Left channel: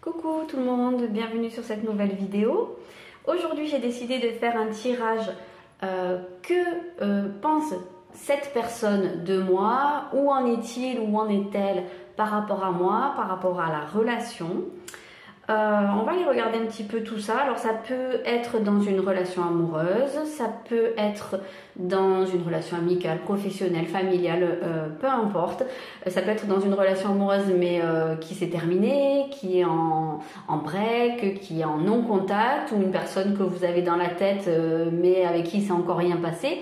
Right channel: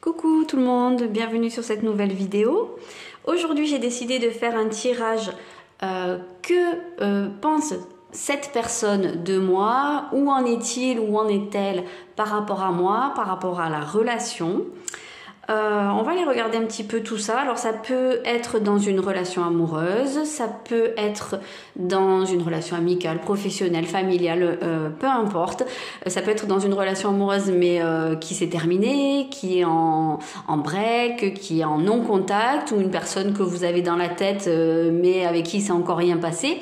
Coucou tout le monde, bienvenue sur cette nouvelle vidéo. Aujourd'hui j'ai décidé de faire un tirage que pense cette personne de moi, où en est-il, où en est-elle par rapport à moi, par rapport à la relation. On va aller regarder un petit peu tout ça. Alors ça peut être dans une relation amoureuse, ça peut être dans une relation amicale, professionnelle, familiale, peu importe. Ça peut être dans une relation amoureuse mais qui s'est terminée, qui est en break, qui est en non-contact, ou une personne que vous avez dans la tête mais avec qui c'est encore rien passé.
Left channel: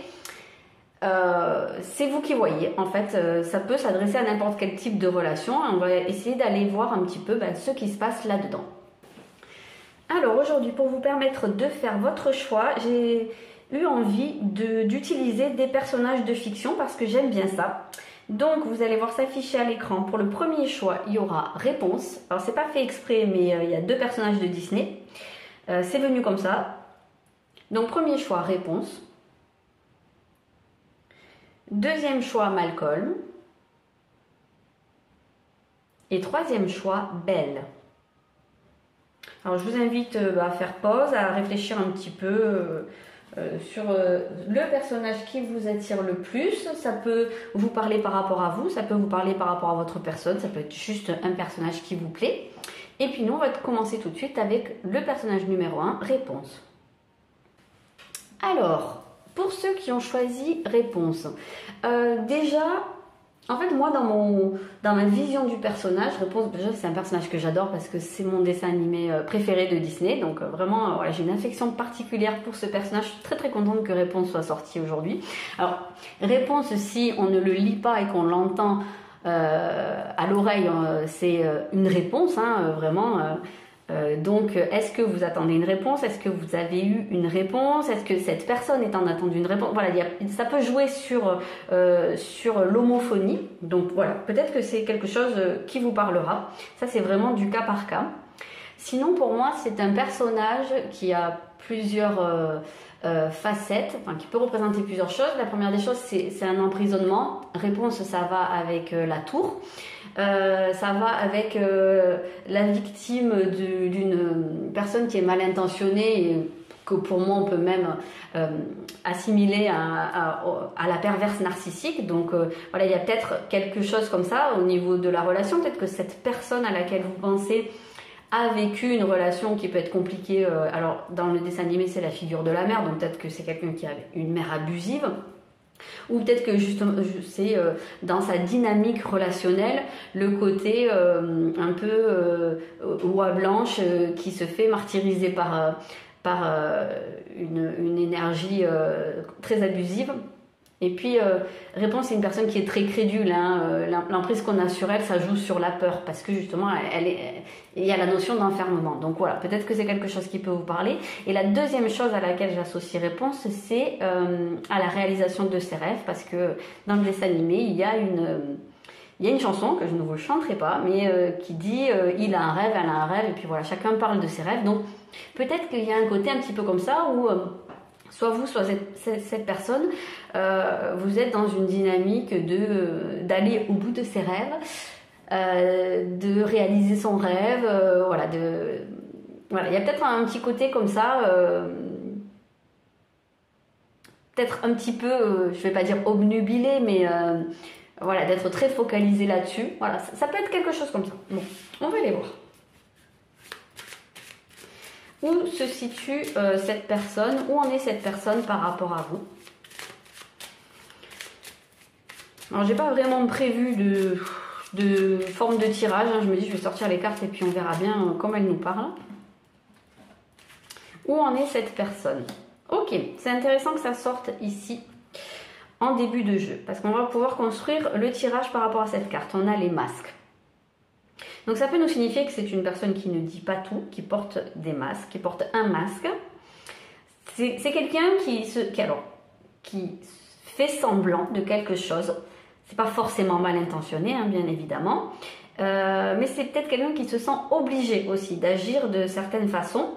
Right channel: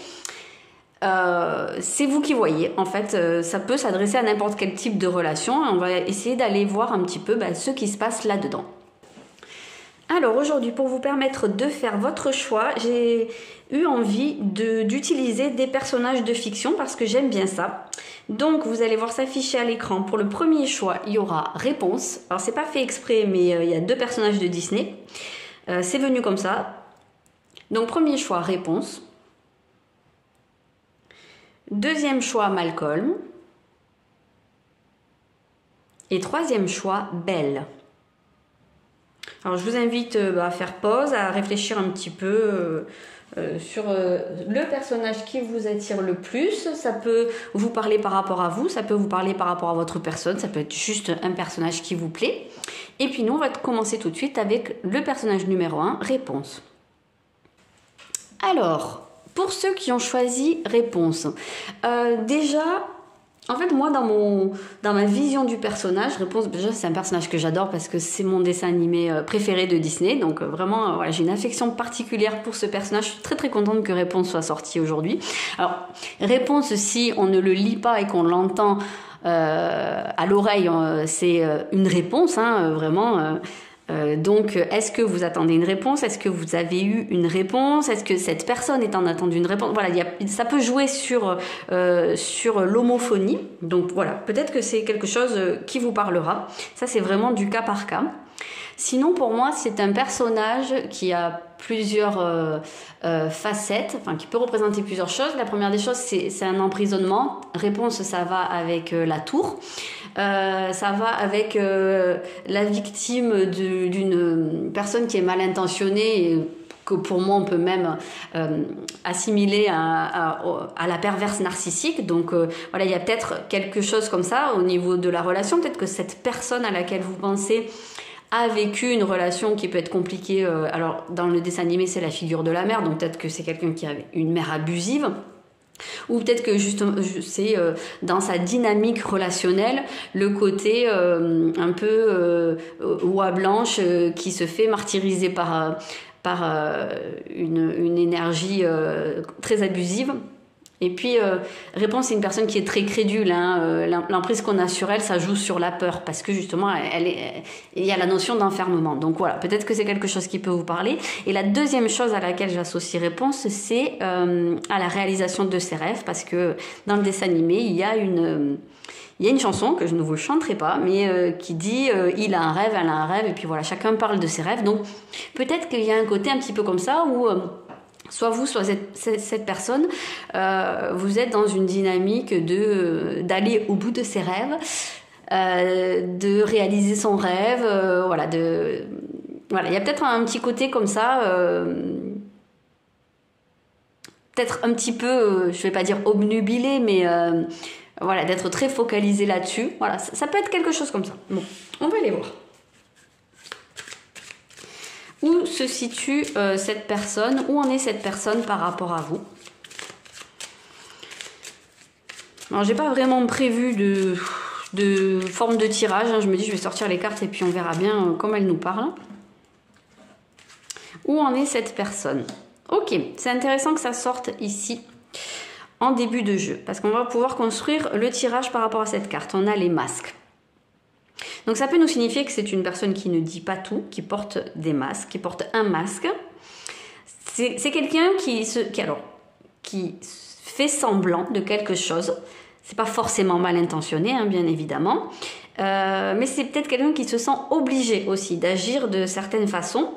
C'est vous qui voyez, en fait, ça peut s'adresser à n'importe quel type de relation. On va essayer d'aller voir un petit peu ce qui se passe là-dedans. Alors aujourd'hui, pour vous permettre de faire votre choix, j'ai eu envie d'utiliser des personnages de fiction parce que j'aime bien ça. Donc vous allez voir s'afficher à l'écran. Pour le premier choix, il y aura réponse. Alors c'est pas fait exprès, mais il y a deux personnages de Disney. C'est venu comme ça. Donc premier choix, réponse. Deuxième choix, Malcolm. Et troisième choix, Belle. Alors je vous invite à faire pause, à réfléchir un petit peu sur le personnage qui vous attire le plus. Ça peut vous parler par rapport à vous, ça peut vous parler par rapport à votre personne, ça peut être juste un personnage qui vous plaît. Et puis nous on va commencer tout de suite avec le personnage numéro 1, réponse. Alors, pour ceux qui ont choisi réponse, déjà... En fait, moi, dans ma vision du personnage, Réponse, déjà, c'est un personnage que j'adore parce que c'est mon dessin animé préféré de Disney. Donc, vraiment, voilà, j'ai une affection particulière pour ce personnage. Je suis très, très contente que Réponse soit sorti aujourd'hui. Alors, Réponse, si on ne le lit pas et qu'on l'entend à l'oreille, c'est une réponse, hein, vraiment... Donc, est-ce que vous attendez une réponse? Est-ce que vous avez eu une réponse? Est-ce que cette personne est en attente d'une réponse? Voilà, ça peut jouer sur l'homophonie. Donc voilà, peut-être que c'est quelque chose qui vous parlera. Ça, c'est vraiment du cas par cas. Sinon, pour moi, c'est un personnage qui a plusieurs facettes, enfin qui peut représenter plusieurs choses. La première des choses, c'est un emprisonnement. Réponse, ça va avec la tour. Ça va avec la victime d'une personne qui est mal intentionnée et que pour moi on peut même assimiler à la perverse narcissique. Donc voilà, il y a peut-être quelque chose comme ça au niveau de la relation. Peut-être que cette personne à laquelle vous pensez a vécu une relation qui peut être compliquée. Alors dans le dessin animé c'est la figure de la mère, donc peut-être que c'est quelqu'un qui a une mère abusive. Ou peut-être que justement c'est dans sa dynamique relationnelle le côté un peu oie blanche qui se fait martyriser par une énergie très abusive. Et puis Réponse, c'est une personne qui est très crédule, hein. L'emprise qu'on a sur elle, ça joue sur la peur parce que justement il y a la notion d'enfermement. Donc voilà, peut-être que c'est quelque chose qui peut vous parler. Et la deuxième chose à laquelle j'associe Réponse, c'est à la réalisation de ses rêves, parce que dans le dessin animé il y a une chanson que je ne vous chanterai pas, mais qui dit il a un rêve, elle a un rêve, et puis voilà, chacun parle de ses rêves. Donc peut-être qu'il y a un côté un petit peu comme ça où soit vous, soit cette personne, vous êtes dans une dynamique d'aller au bout de ses rêves, de réaliser son rêve, voilà, il y a peut-être un petit côté comme ça, peut-être un petit peu, je vais pas dire obnubilé, mais voilà, d'être très focalisé là-dessus. Voilà, ça peut être quelque chose comme ça. Bon, on va aller voir. Où se situe cette personne? Où en est cette personne par rapport à vous? Alors, j'ai pas vraiment prévu de forme de tirage. Hein. Je me dis, je vais sortir les cartes et puis on verra bien comment elle nous parle. Où en est cette personne? Ok, c'est intéressant que ça sorte ici en début de jeu parce qu'on va pouvoir construire le tirage par rapport à cette carte. On a les masques. Donc ça peut nous signifier que c'est une personne qui ne dit pas tout, qui porte des masques, qui porte un masque. C'est quelqu'un qui fait semblant de quelque chose. C'est pas forcément mal intentionné, hein, bien évidemment. Mais c'est peut-être quelqu'un qui se sent obligé aussi d'agir de certaines façons.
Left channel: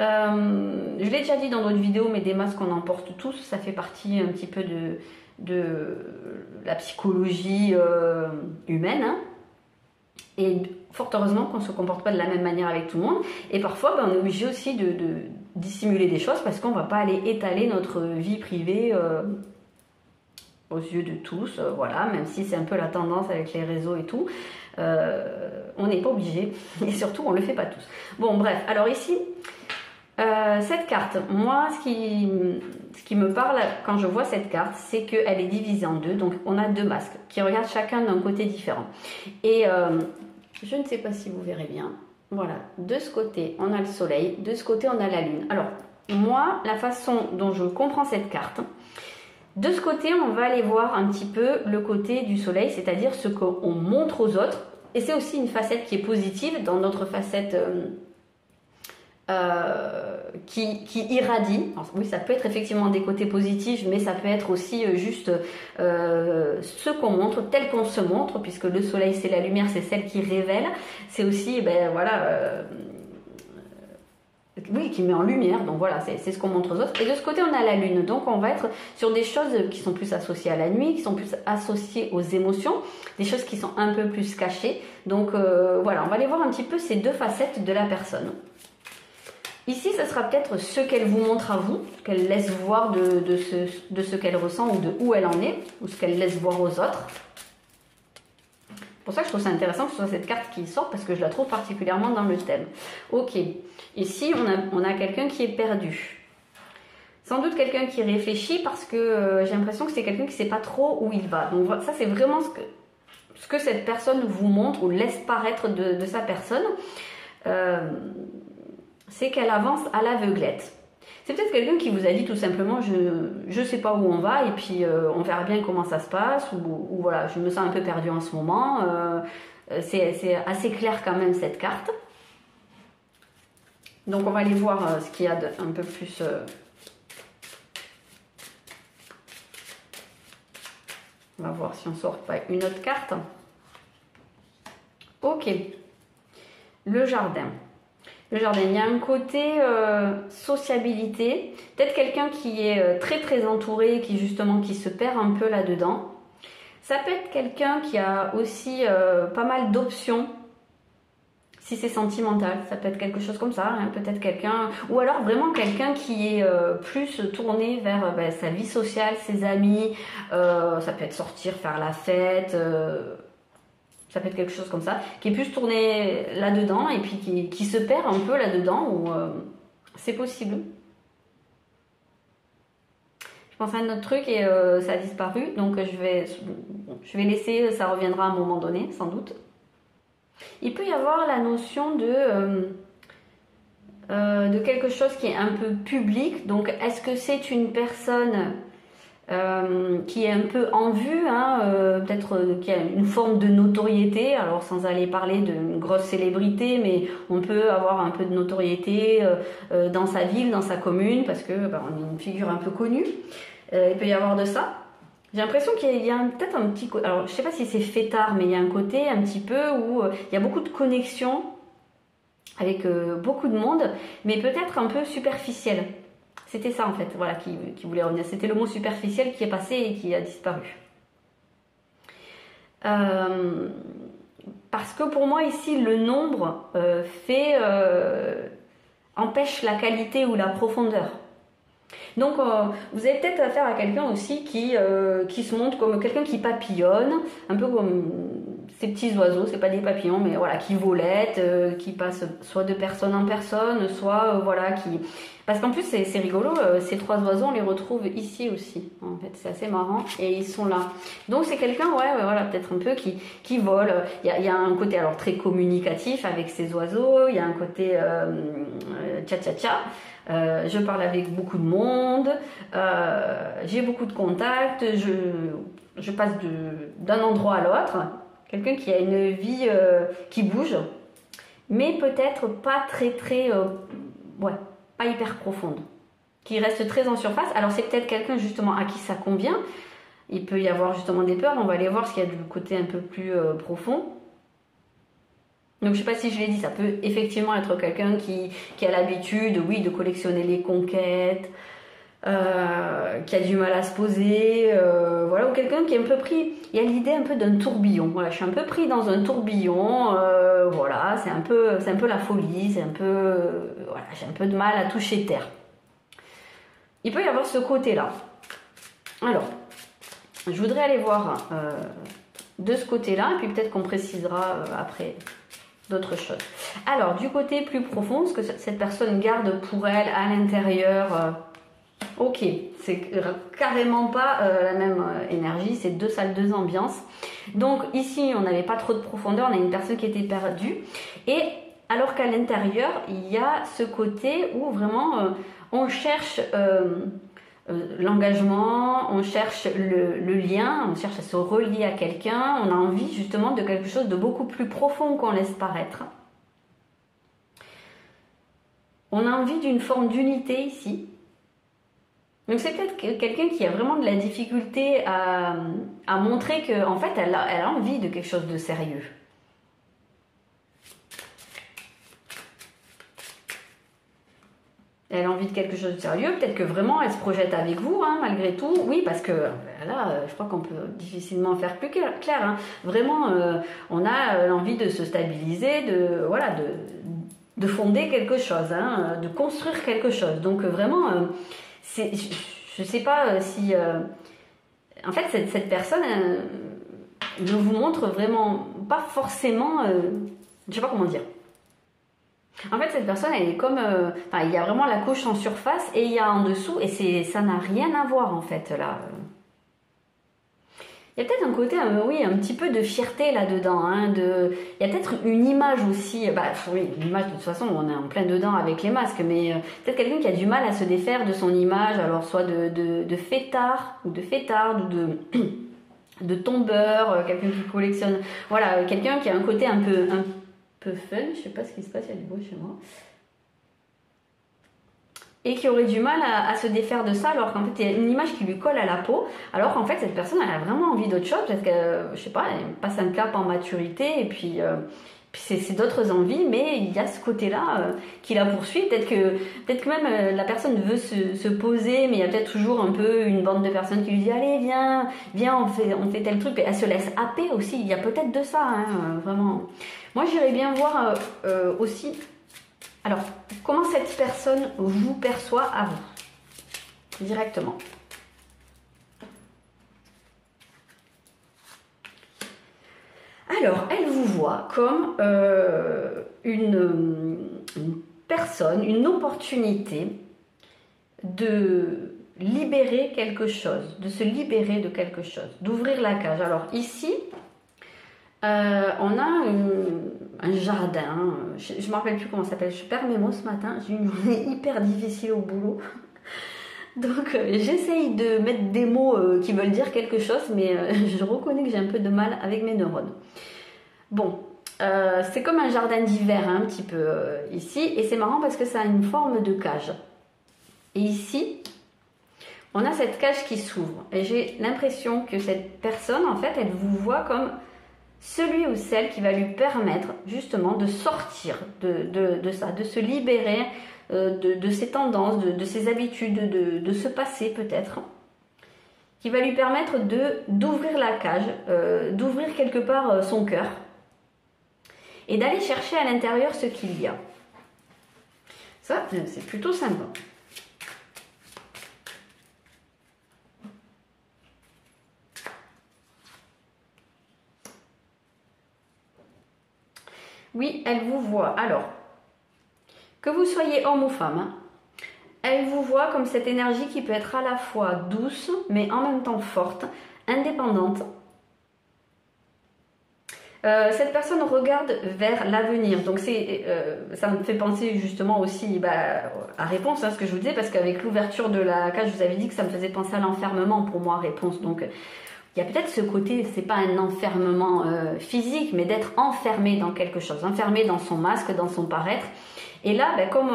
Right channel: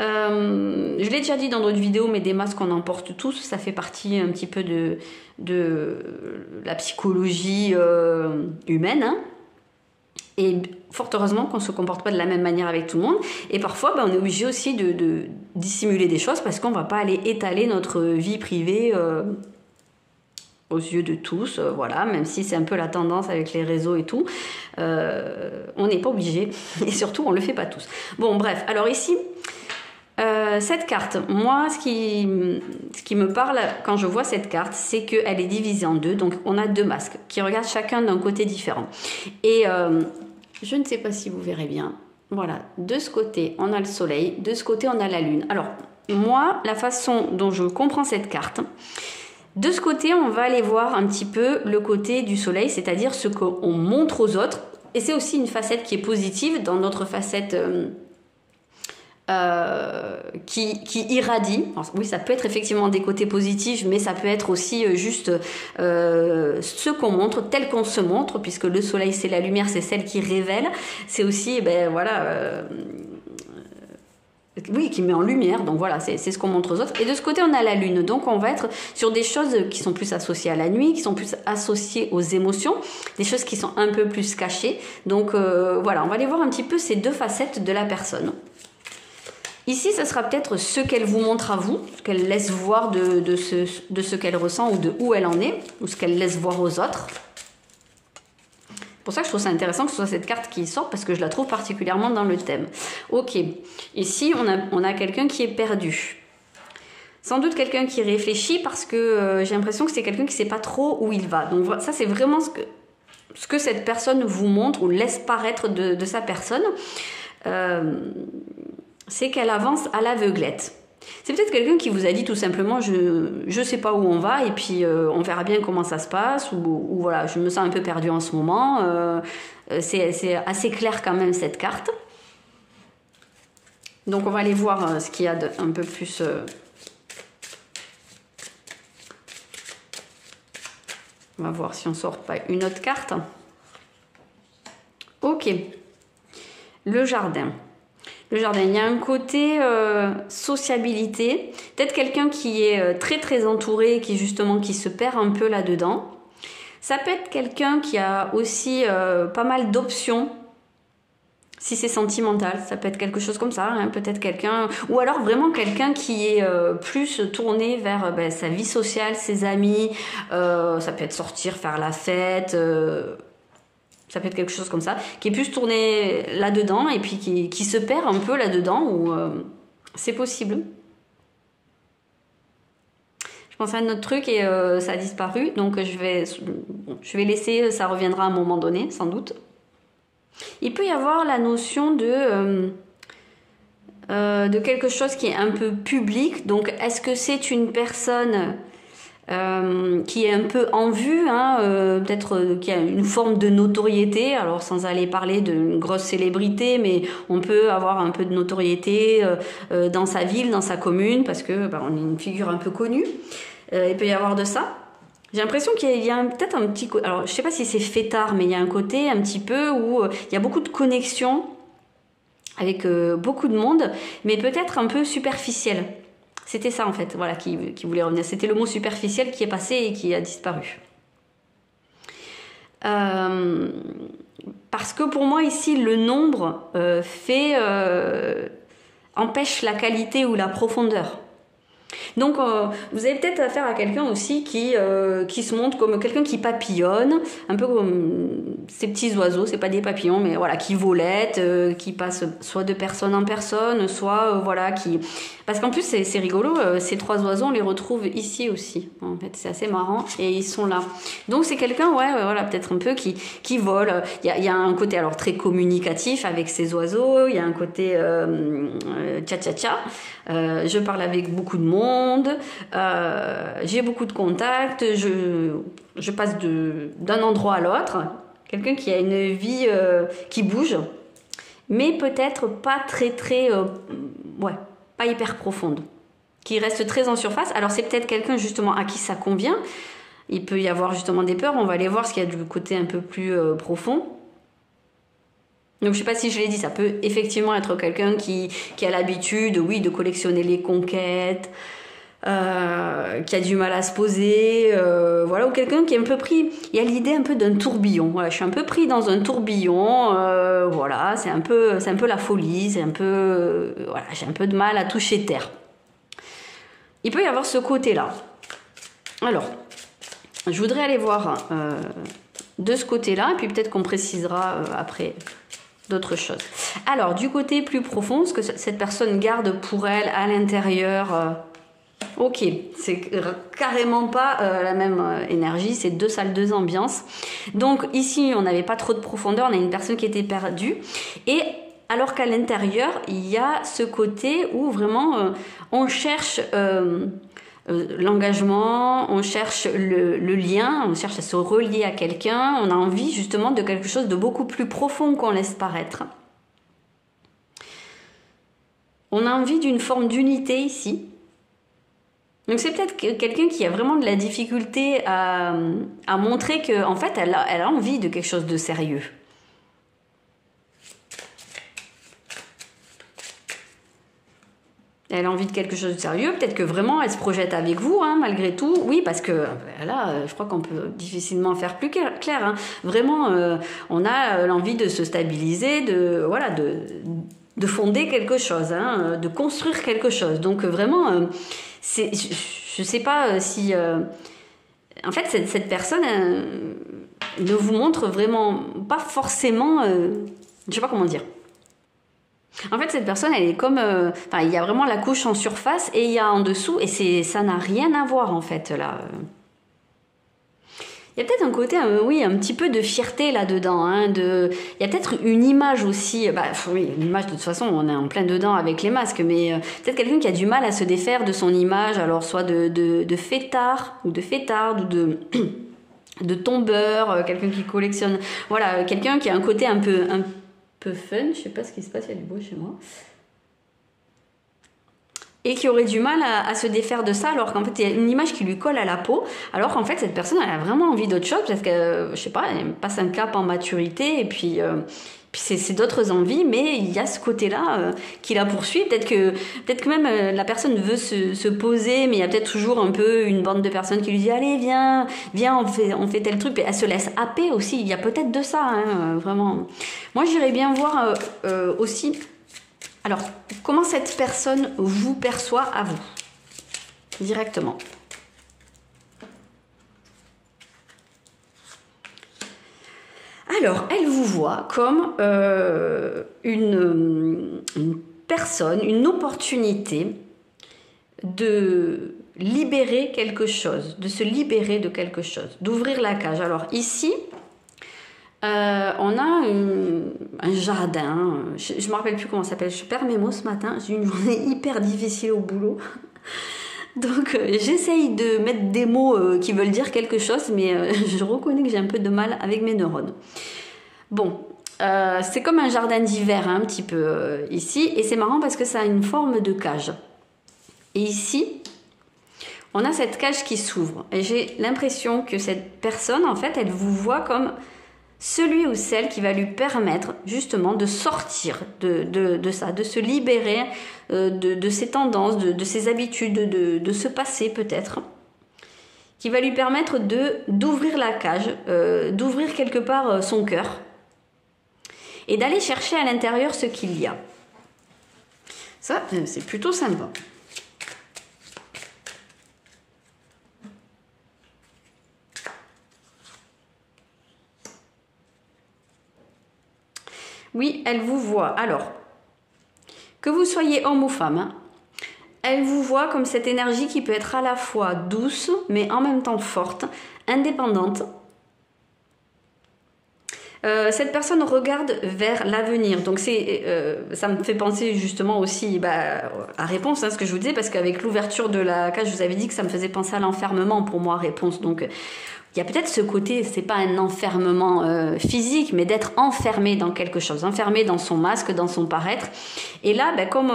Je l'ai déjà dit dans d'autres vidéos, mais des masques on en porte tous. Ça fait partie un petit peu de la psychologie humaine, hein. Et fort heureusement qu'on ne se comporte pas de la même manière avec tout le monde. Et parfois, on est obligé aussi de dissimuler des choses parce qu'on ne va pas aller étaler notre vie privée aux yeux de tous. Voilà, même si c'est un peu la tendance avec les réseaux et tout. On n'est pas obligé. Et surtout, on ne le fait pas tous. Bon, bref. Alors ici, cette carte, moi, ce qui me parle quand je vois cette carte, c'est qu'elle est divisée en deux. Donc, on a deux masques qui regardent chacun d'un côté différent. Et je ne sais pas si vous verrez bien. Voilà, de ce côté, on a le soleil. De ce côté, on a la lune. Alors, moi, la façon dont je comprends cette carte, de ce côté, on va aller voir un petit peu le côté du soleil, c'est-à-dire ce qu'on montre aux autres. Et c'est aussi une facette qui est positive dans notre facette... qui irradie. Alors, oui, ça peut être effectivement des côtés positifs, mais ça peut être aussi juste ce qu'on montre, tel qu'on se montre, puisque le soleil, c'est la lumière, c'est celle qui révèle. C'est aussi, oui, qui met en lumière. Donc voilà, c'est ce qu'on montre aux autres. Et de ce côté, on a la lune. Donc on va être sur des choses qui sont plus associées à la nuit, qui sont plus associées aux émotions, des choses qui sont un peu plus cachées. Donc voilà, on va aller voir un petit peu ces deux facettes de la personne. Ici, ça sera peut-être ce qu'elle vous montre à vous, ce qu'elle laisse voir de ce qu'elle ressent ou de où elle en est, ou ce qu'elle laisse voir aux autres. C'est pour ça que je trouve ça intéressant que ce soit cette carte qui sort, parce que je la trouve particulièrement dans le thème. Ok, ici, on a quelqu'un qui est perdu. Sans doute quelqu'un qui réfléchit, parce que j'ai l'impression que c'est quelqu'un qui ne sait pas trop où il va. Donc ça, c'est vraiment ce que cette personne vous montre ou laisse paraître de sa personne. C'est qu'elle avance à l'aveuglette. C'est peut-être quelqu'un qui vous a dit tout simplement je sais pas où on va et puis on verra bien comment ça se passe ou voilà, je me sens un peu perdue en ce moment. C'est assez clair quand même cette carte. Donc on va aller voir ce qu'il y a un peu plus... On va voir si on sort pas une autre carte. Ok. Le jardin. Le jardin, il y a un côté sociabilité, peut-être quelqu'un qui est très très entouré, qui se perd un peu là-dedans. Ça peut être quelqu'un qui a aussi pas mal d'options, si c'est sentimental, ça peut être quelque chose comme ça, hein, peut-être quelqu'un, ou alors vraiment quelqu'un qui est plus tourné vers sa vie sociale, ses amis, ça peut être sortir, faire la fête... ça peut être quelque chose comme ça, qui est plus tourné là-dedans et puis qui se perd un peu là-dedans, ou c'est possible. Je pense à un autre truc et ça a disparu, donc je vais laisser, ça reviendra à un moment donné, sans doute. Il peut y avoir la notion de quelque chose qui est un peu public, donc est-ce que c'est une personne... qui est un peu en vue, hein, peut-être qui a une forme de notoriété, alors sans aller parler d'une grosse célébrité, mais on peut avoir un peu de notoriété dans sa ville, dans sa commune, parce que on est une figure un peu connue. Il peut y avoir de ça. J'ai l'impression qu'il y a peut-être un petit... Alors, je sais pas si c'est fêtard, mais il y a un côté un petit peu où il y a beaucoup de connexions avec beaucoup de monde, mais peut-être un peu superficiel. C'était ça en fait, voilà, qui voulait revenir. C'était le mot superficiel qui est passé et qui a disparu. Parce que pour moi ici, le nombre empêche la qualité ou la profondeur. Donc vous avez peut-être affaire à quelqu'un aussi qui se montre comme quelqu'un qui papillonne, un peu comme ces petits oiseaux, c'est pas des papillons, mais voilà, qui volettent, qui passent soit de personne en personne, soit voilà, qui... Parce qu'en plus c'est rigolo, ces trois oiseaux on les retrouve ici aussi, en fait c'est assez marrant, et ils sont là. Donc c'est quelqu'un, voilà, peut-être un peu qui vole. Il y a un côté alors très communicatif avec ces oiseaux, il y a un côté tcha-tcha-tcha. Je parle avec beaucoup de monde, j'ai beaucoup de contacts, je passe d'un endroit à l'autre. Quelqu'un qui a une vie qui bouge, mais peut-être pas très, pas hyper profonde, qui reste très en surface. Alors c'est peut-être quelqu'un justement à qui ça convient. Il peut y avoir justement des peurs, on va aller voir ce qu'il y a du côté un peu plus profond. Donc je sais pas si je l'ai dit, ça peut effectivement être quelqu'un qui a l'habitude, oui, de collectionner les conquêtes, qui a du mal à se poser, voilà, ou quelqu'un qui est un peu pris, il y a l'idée un peu d'un tourbillon, voilà, je suis un peu pris dans un tourbillon, voilà, c'est un peu la folie, c'est un peu, voilà, j'ai un peu de mal à toucher terre. Il peut y avoir ce côté-là. Alors, je voudrais aller voir de ce côté-là, et puis peut-être qu'on précisera après d'autres choses. Alors, du côté plus profond, ce que cette personne garde pour elle à l'intérieur, ok, c'est carrément pas la même énergie, c'est 2 salles, 2 ambiances. Donc ici, on n'avait pas trop de profondeur, on a une personne qui était perdue, et alors qu'à l'intérieur, il y a ce côté où vraiment on cherche l'engagement, on cherche le lien, on cherche à se relier à quelqu'un, on a envie justement de quelque chose de beaucoup plus profond qu'on laisse paraître. On a envie d'une forme d'unité ici. Donc c'est peut-être quelqu'un qui a vraiment de la difficulté à montrer qu'en fait elle a envie de quelque chose de sérieux. Elle a envie de quelque chose de sérieux, peut-être que vraiment elle se projette avec vous, hein, malgré tout. Oui, parce que là, je crois qu'on peut difficilement faire plus clair. Hein. Vraiment, on a l'envie de se stabiliser, voilà, de fonder quelque chose, hein, de construire quelque chose. Donc vraiment, je ne sais pas si... en fait, cette personne ne vous montre vraiment pas forcément... je ne sais pas comment dire. En fait, cette personne, elle est comme... enfin, il y a vraiment la couche en surface et il y a en dessous, et ça n'a rien à voir, en fait, là. Il y a peut-être un côté, oui, un petit peu de fierté là-dedans. Hein, il y a peut-être une image aussi... Bah, oui, une image, de toute façon, on est en plein dedans avec les masques, mais peut-être quelqu'un qui a du mal à se défaire de son image, alors soit de fêtard, ou de fêtarde, ou de tombeur, quelqu'un qui collectionne... Voilà, quelqu'un qui a un côté un peu fun, je sais pas ce qui se passe, il y a du bruit chez moi, et qui aurait du mal à se défaire de ça, alors qu'en fait il y a une image qui lui colle à la peau, alors qu'en fait cette personne elle a vraiment envie d'autre chose, parce que je sais pas, elle passe un cap en maturité, et puis c'est d'autres envies, mais il y a ce côté-là qui la poursuit. Peut-être que même la personne veut se poser, mais il y a peut-être toujours un peu une bande de personnes qui lui dit allez viens, on fait tel truc, et elle se laisse happer aussi. Il y a peut-être de ça, hein, vraiment. Moi j'irais bien voir aussi, alors comment cette personne vous perçoit à vous directement. Alors, elle vous voit comme une personne, une opportunité de libérer quelque chose, de se libérer de quelque chose, d'ouvrir la cage. Alors ici, on a un jardin, je ne me rappelle plus comment ça s'appelle, je perds mes mots ce matin, j'ai eu une journée hyper difficile au boulot. Donc j'essaye de mettre des mots qui veulent dire quelque chose, mais je reconnais que j'ai un peu de mal avec mes neurones. Bon, c'est comme un jardin d'hiver hein, un petit peu ici, et c'est marrant parce que ça a une forme de cage. Et ici, on a cette cage qui s'ouvre, et j'ai l'impression que cette personne, en fait, elle vous voit comme celui ou celle qui va lui permettre justement de sortir de ça, de se libérer de ses tendances, de ses habitudes, de ce passé peut-être, qui va lui permettre d'ouvrir la cage, d'ouvrir quelque part son cœur et d'aller chercher à l'intérieur ce qu'il y a. Ça, c'est plutôt sympa. Oui, elle vous voit. Alors, que vous soyez homme ou femme, hein, elle vous voit comme cette énergie qui peut être à la fois douce, mais en même temps forte, indépendante. Cette personne regarde vers l'avenir. Donc, ça me fait penser justement aussi à Réponse, hein, ce que je vous disais, parce qu'avec l'ouverture de la cage, je vous avais dit que ça me faisait penser à l'enfermement pour moi, Réponse. Donc, il y a peut-être ce côté, c'est pas un enfermement physique, mais d'être enfermé dans quelque chose, enfermé dans son masque, dans son paraître. Et là, comme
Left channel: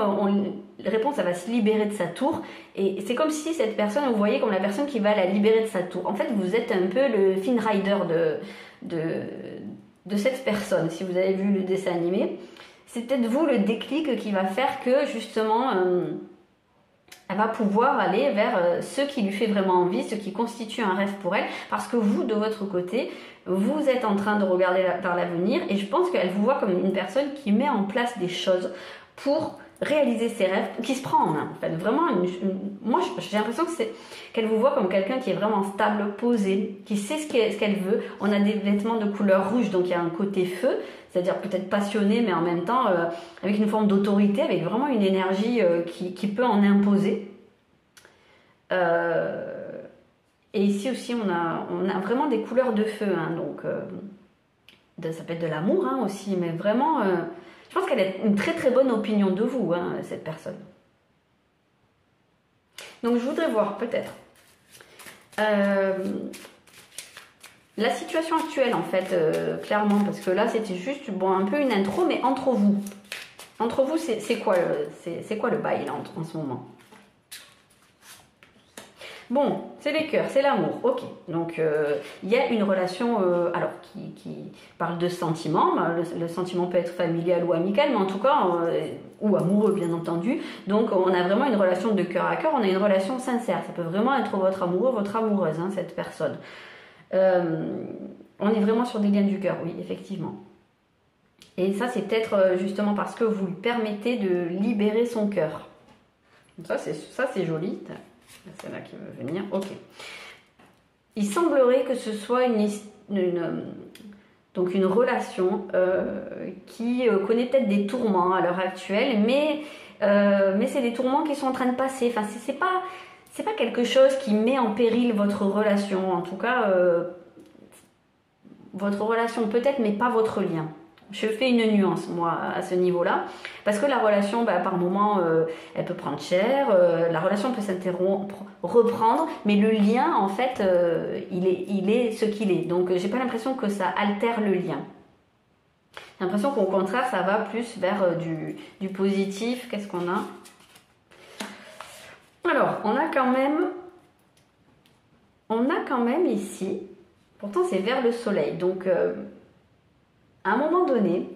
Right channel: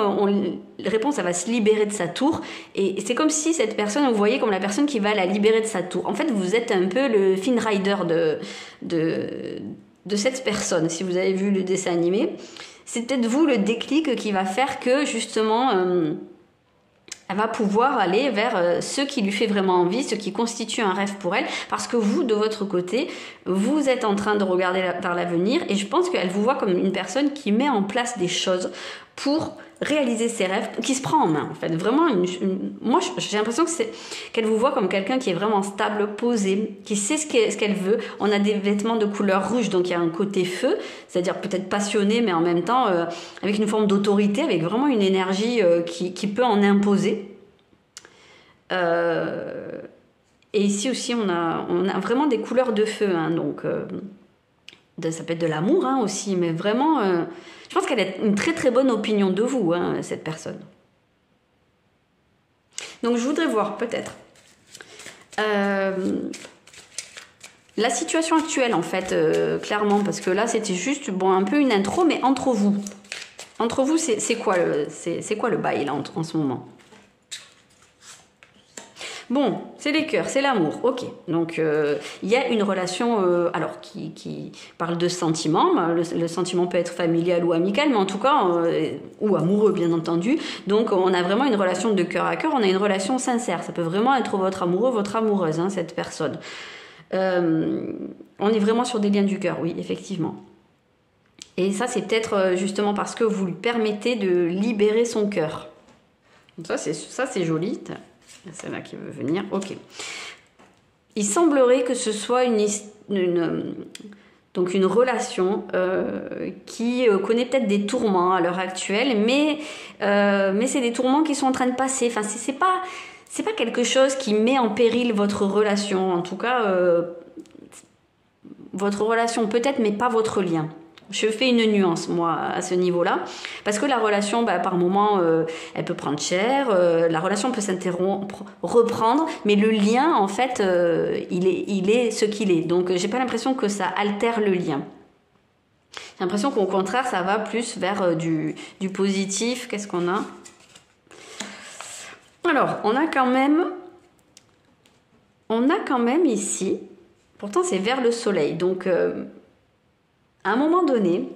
Réponse, elle va se libérer de sa tour. Et c'est comme si cette personne, vous voyez comme la personne qui va la libérer de sa tour. En fait, vous êtes un peu le Finn Rider de cette personne. Si vous avez vu le dessin animé, c'est peut-être vous le déclic qui va faire que justement... elle va pouvoir aller vers ce qui lui fait vraiment envie, ce qui constitue un rêve pour elle, parce que vous, de votre côté, vous êtes en train de regarder vers l'avenir, et je pense qu'elle vous voit comme une personne qui met en place des choses pour réaliser ses rêves, qui se prend en main, en fait. Vraiment, moi, j'ai l'impression que qu'elle vous voit comme quelqu'un qui est vraiment stable, posé, qui sait ce qu'elle veut. On a des vêtements de couleur rouge, donc il y a un côté feu, c'est-à-dire peut-être passionné, mais en même temps avec une forme d'autorité, avec vraiment une énergie qui peut en imposer. Et ici aussi, on a vraiment des couleurs de feu, hein, donc ça peut être de l'amour hein, aussi, mais vraiment... je pense qu'elle a une très très bonne opinion de vous, hein, cette personne. Donc je voudrais voir peut-être la situation actuelle en fait, clairement, parce que là c'était juste bon, un peu une intro, mais entre vous. Entre vous, c'est quoi le bail là en ce moment? Bon, c'est les cœurs, c'est l'amour, ok. Donc, il y a une relation alors qui parle de sentiments. Le sentiment peut être familial ou amical, mais en tout cas, ou amoureux, bien entendu. Donc, on a vraiment une relation de cœur à cœur, on a une relation sincère. Ça peut vraiment être votre amoureux, votre amoureuse, hein, cette personne. On est vraiment sur des liens du cœur, oui, effectivement. Et ça, c'est peut-être justement parce que vous lui permettez de libérer son cœur. Ça, c'est joli. C'est là qui veut venir. Ok. Il semblerait que ce soit donc une relation qui connaît peut-être des tourments à l'heure actuelle, mais c'est des tourments qui sont en train de passer. Enfin, c'est pas quelque chose qui met en péril votre relation. En tout cas, votre relation peut-être, mais pas votre lien. Je fais une nuance, moi, à ce niveau-là. Parce que la relation, par moment, elle peut prendre cher. La relation peut s'interrompre, reprendre. Mais le lien, en fait, il est ce qu'il est. Donc, j'ai pas l'impression que ça altère le lien. J'ai l'impression qu'au contraire, ça va plus vers du positif. Qu'est-ce qu'on a? Alors, on a quand même ici... Pourtant, c'est vers le soleil. Donc... à un moment donné,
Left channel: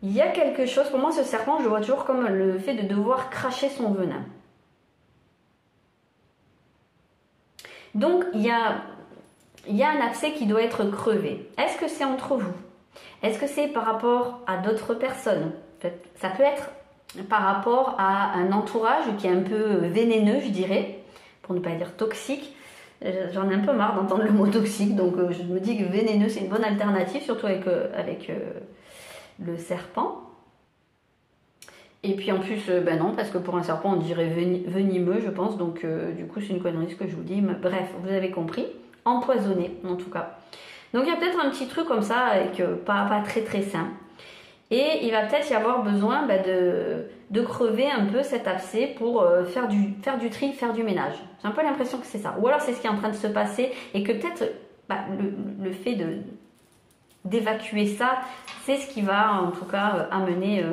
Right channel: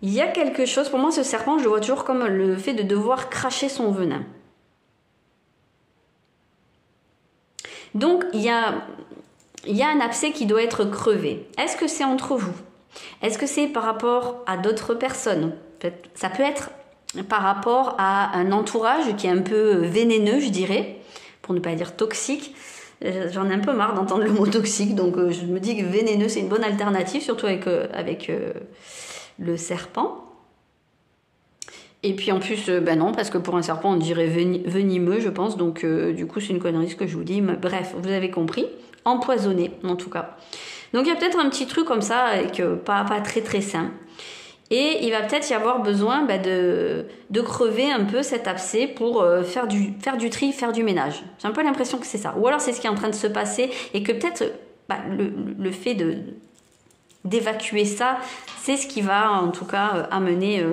il y a quelque chose, pour moi ce serpent, je le vois toujours comme le fait de devoir cracher son venin. Donc il y a un abcès qui doit être crevé. Est-ce que c'est entre vous? Est-ce que c'est par rapport à d'autres personnes? Ça peut être par rapport à un entourage qui est un peu vénéneux, je dirais, pour ne pas dire toxique. J'en ai un peu marre d'entendre le mot toxique, donc je me dis que vénéneux c'est une bonne alternative, surtout avec le serpent. Et puis en plus, non, parce que pour un serpent on dirait venimeux, je pense, donc du coup c'est une connerie ce que je vous dis. Bref, vous avez compris, empoisonné en tout cas. Donc il y a peut-être un petit truc comme ça, avec pas très très sain. Et il va peut-être y avoir besoin de crever un peu cet abcès pour faire du tri, faire du ménage. J'ai un peu l'impression que c'est ça. Ou alors c'est ce qui est en train de se passer et que peut-être le fait d'évacuer ça, c'est ce qui va en tout cas amener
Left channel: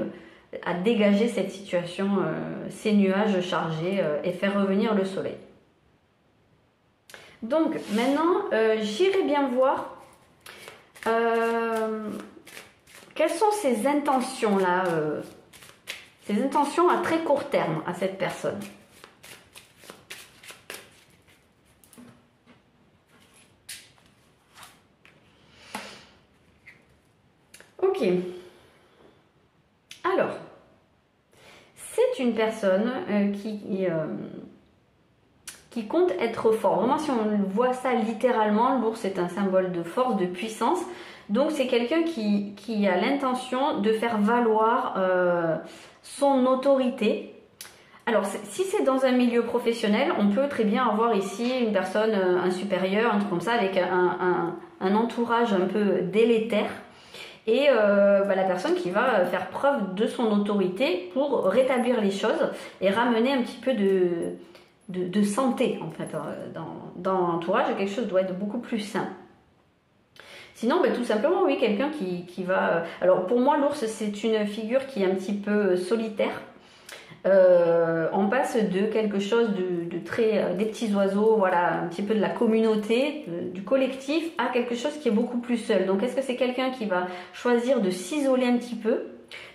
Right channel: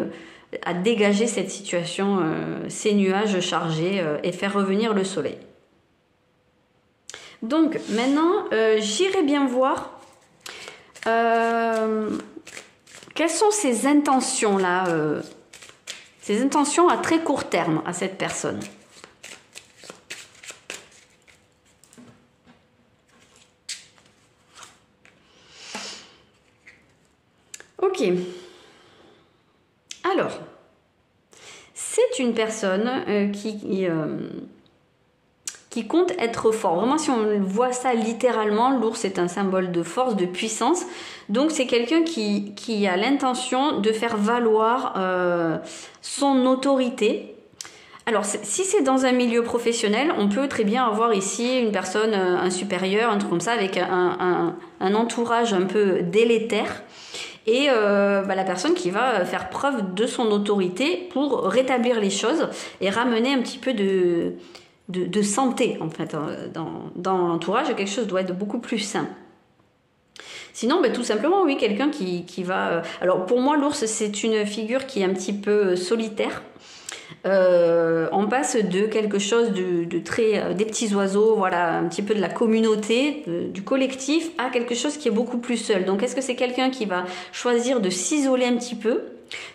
à dégager cette situation, ces nuages chargés et faire revenir le soleil. Donc maintenant, j'irai bien voir... quelles sont ces intentions-là, ces intentions à très court terme à cette personne? Ok. Alors, c'est une personne qui compte être fort. Vraiment, si on voit ça littéralement, l'ours est un symbole de force, de puissance. Donc, c'est quelqu'un qui a l'intention de faire valoir son autorité. Alors, si c'est dans un milieu professionnel, on peut très bien avoir ici une personne, un supérieur, un truc comme ça, avec un entourage un peu délétère. Et la personne qui va faire preuve de son autorité pour rétablir les choses et ramener un petit peu de santé, en fait, dans l'entourage. Quelque chose doit être beaucoup plus sain. Sinon, tout simplement, oui, quelqu'un qui va... Alors, pour moi, l'ours, c'est une figure qui est un petit peu solitaire. On passe de quelque chose de très... des petits oiseaux, voilà, un petit peu de la communauté, du collectif, à quelque chose qui est beaucoup plus seul. Donc, est-ce que c'est quelqu'un qui va choisir de s'isoler un petit peu,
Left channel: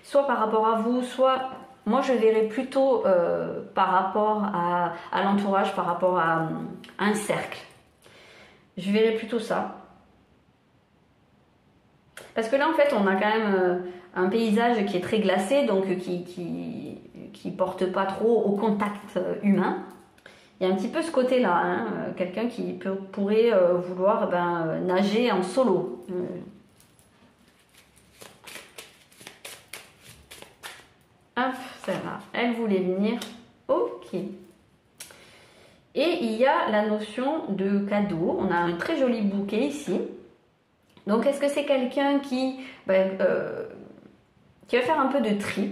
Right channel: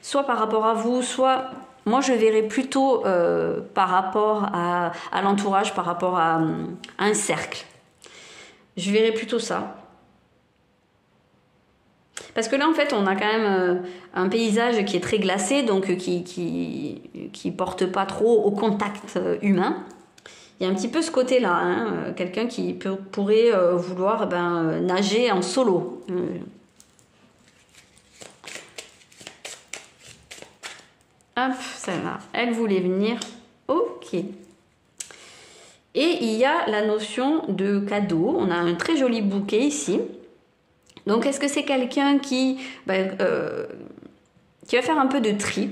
soit par rapport à vous, soit moi je verrais plutôt par rapport à l'entourage, par rapport à un cercle. Je verrais plutôt ça. Parce que là, en fait, on a quand même un paysage qui est très glacé, donc qui porte pas trop au contact humain. Il y a un petit peu ce côté-là, hein, quelqu'un qui pourrait vouloir nager en solo. Hop, celle-là, elle voulait venir. Ok. Et il y a la notion de cadeau. On a un très joli bouquet ici. Donc, est-ce que c'est quelqu'un qui va faire un peu de tri?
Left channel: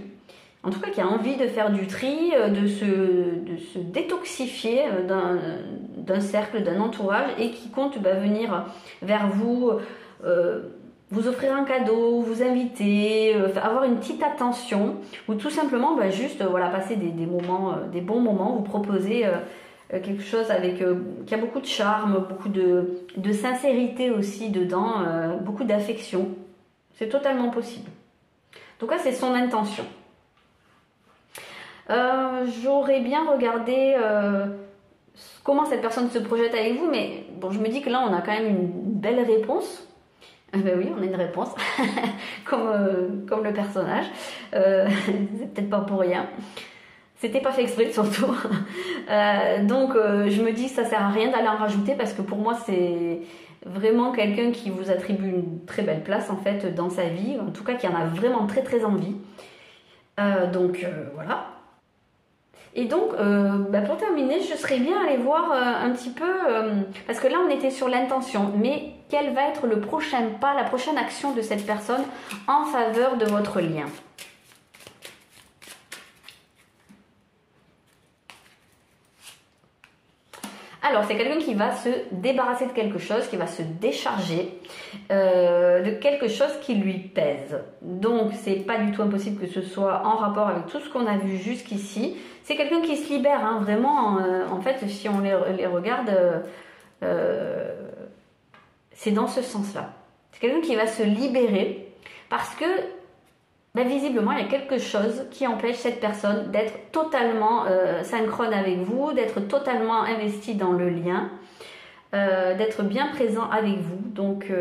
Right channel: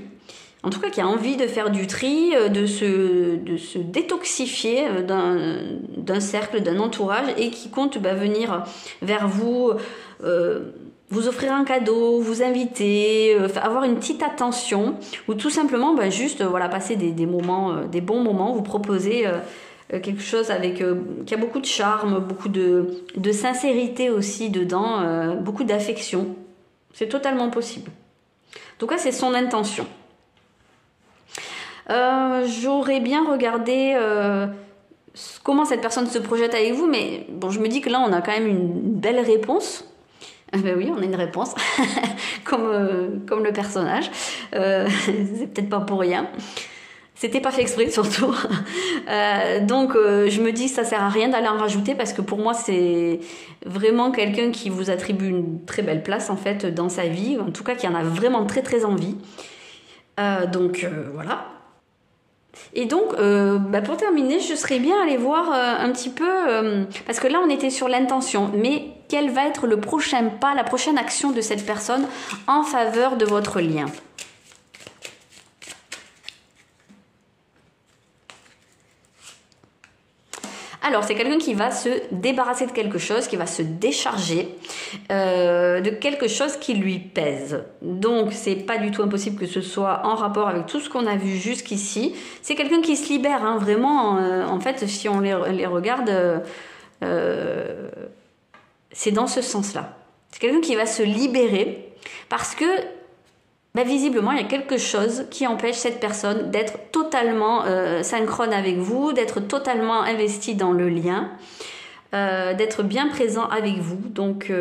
En tout cas, qui a envie de faire du tri, de se détoxifier d'un cercle, d'un entourage et qui compte venir vers vous, vous offrir un cadeau, vous inviter, avoir une petite attention ou tout simplement juste passer des moments, des bons moments, vous proposer quelque chose qui a beaucoup de charme, beaucoup de sincérité aussi dedans, beaucoup d'affection. C'est totalement possible. En tout cas, c'est son intention. J'aurais bien regardé comment cette personne se projette avec vous, mais bon, je me dis que là, on a quand même une belle réponse. Ben oui, on a une réponse, comme le personnage. C'est peut-être pas pour rien. C'était pas fait exprès, surtout. Donc, je me dis que ça sert à rien d'aller en rajouter parce que pour moi, c'est vraiment quelqu'un qui vous attribue une très belle place, en fait, dans sa vie. En tout cas, qui en a vraiment très, très envie. Donc, voilà. Et donc, pour terminer, je serais bien allée voir un petit peu, parce que là on était sur l'intention, mais quel va être le prochain pas, la prochaine action de cette personne en faveur de votre lien? Alors, c'est quelqu'un qui va se débarrasser de quelque chose, qui va se décharger de quelque chose qui lui pèse. Donc, c'est pas du tout impossible que ce soit en rapport avec tout ce qu'on a vu jusqu'ici. C'est quelqu'un qui se libère, hein, vraiment. En fait, si on les regarde, c'est dans ce sens-là. C'est quelqu'un qui va se libérer parce que visiblement, il y a quelque chose qui empêche cette personne d'être totalement synchrone avec vous, d'être totalement investi dans le lien, d'être bien présent avec vous. Donc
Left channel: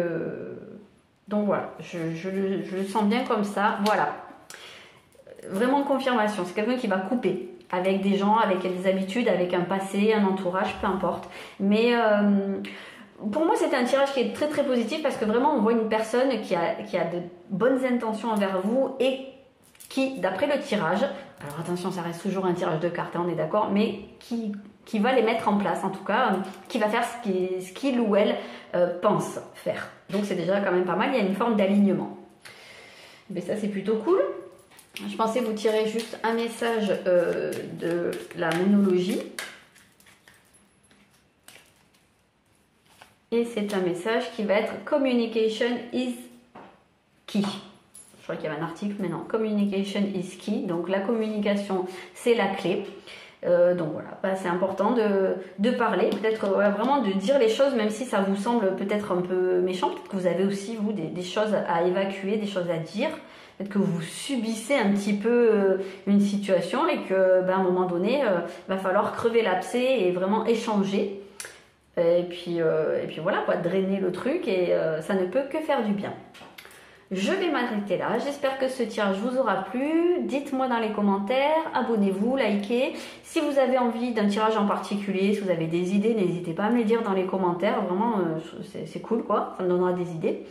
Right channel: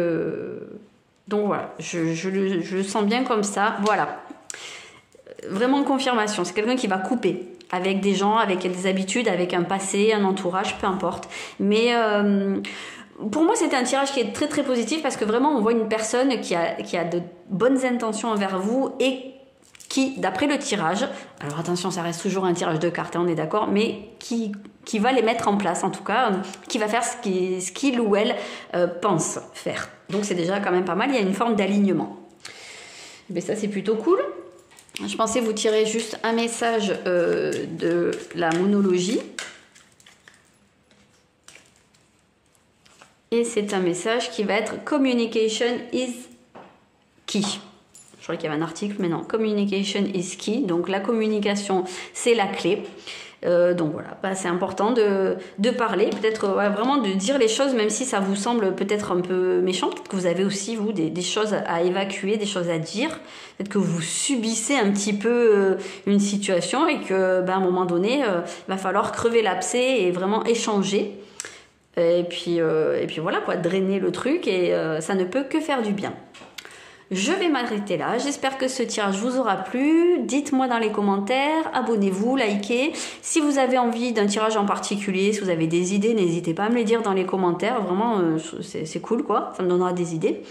voilà, je le sens bien comme ça. Voilà, vraiment confirmation. C'est quelqu'un qui va couper avec des gens, avec des habitudes, avec un passé, un entourage, peu importe. Mais pour moi, c'était un tirage qui est très très positif parce que vraiment, on voit une personne qui a de bonnes intentions envers vous et qui, d'après le tirage, alors attention, ça reste toujours un tirage de cartes, hein, on est d'accord, mais qui va les mettre en place, en tout cas, qui va faire ce qu'il ou elle pense faire. Donc c'est déjà quand même pas mal, il y a une forme d'alignement. Mais ça, c'est plutôt cool. Je pensais vous tirer juste un message de la monologie. Et c'est un message qui va être Communication is key. Je crois qu'il y avait un article, mais non. Communication is key. Donc la communication, c'est la clé. Donc voilà, c'est important de parler, peut-être vraiment de dire les choses, même si ça vous semble peut-être un peu méchant. Peut-être que vous avez aussi, vous, des choses à évacuer, des choses à dire. Peut-être que vous subissez un petit peu une situation et que, à un moment donné, il va falloir crever l'abcès et vraiment échanger. Et puis voilà, drainer le truc et ça ne peut que faire du bien. Je vais m'arrêter là. J'espère que ce tirage vous aura plu. Dites-moi dans les commentaires, abonnez-vous, likez. Si vous avez envie d'un tirage en particulier, si vous avez des idées, n'hésitez pas à me les dire dans les commentaires. Vraiment, c'est cool, quoi. Ça me donnera des idées.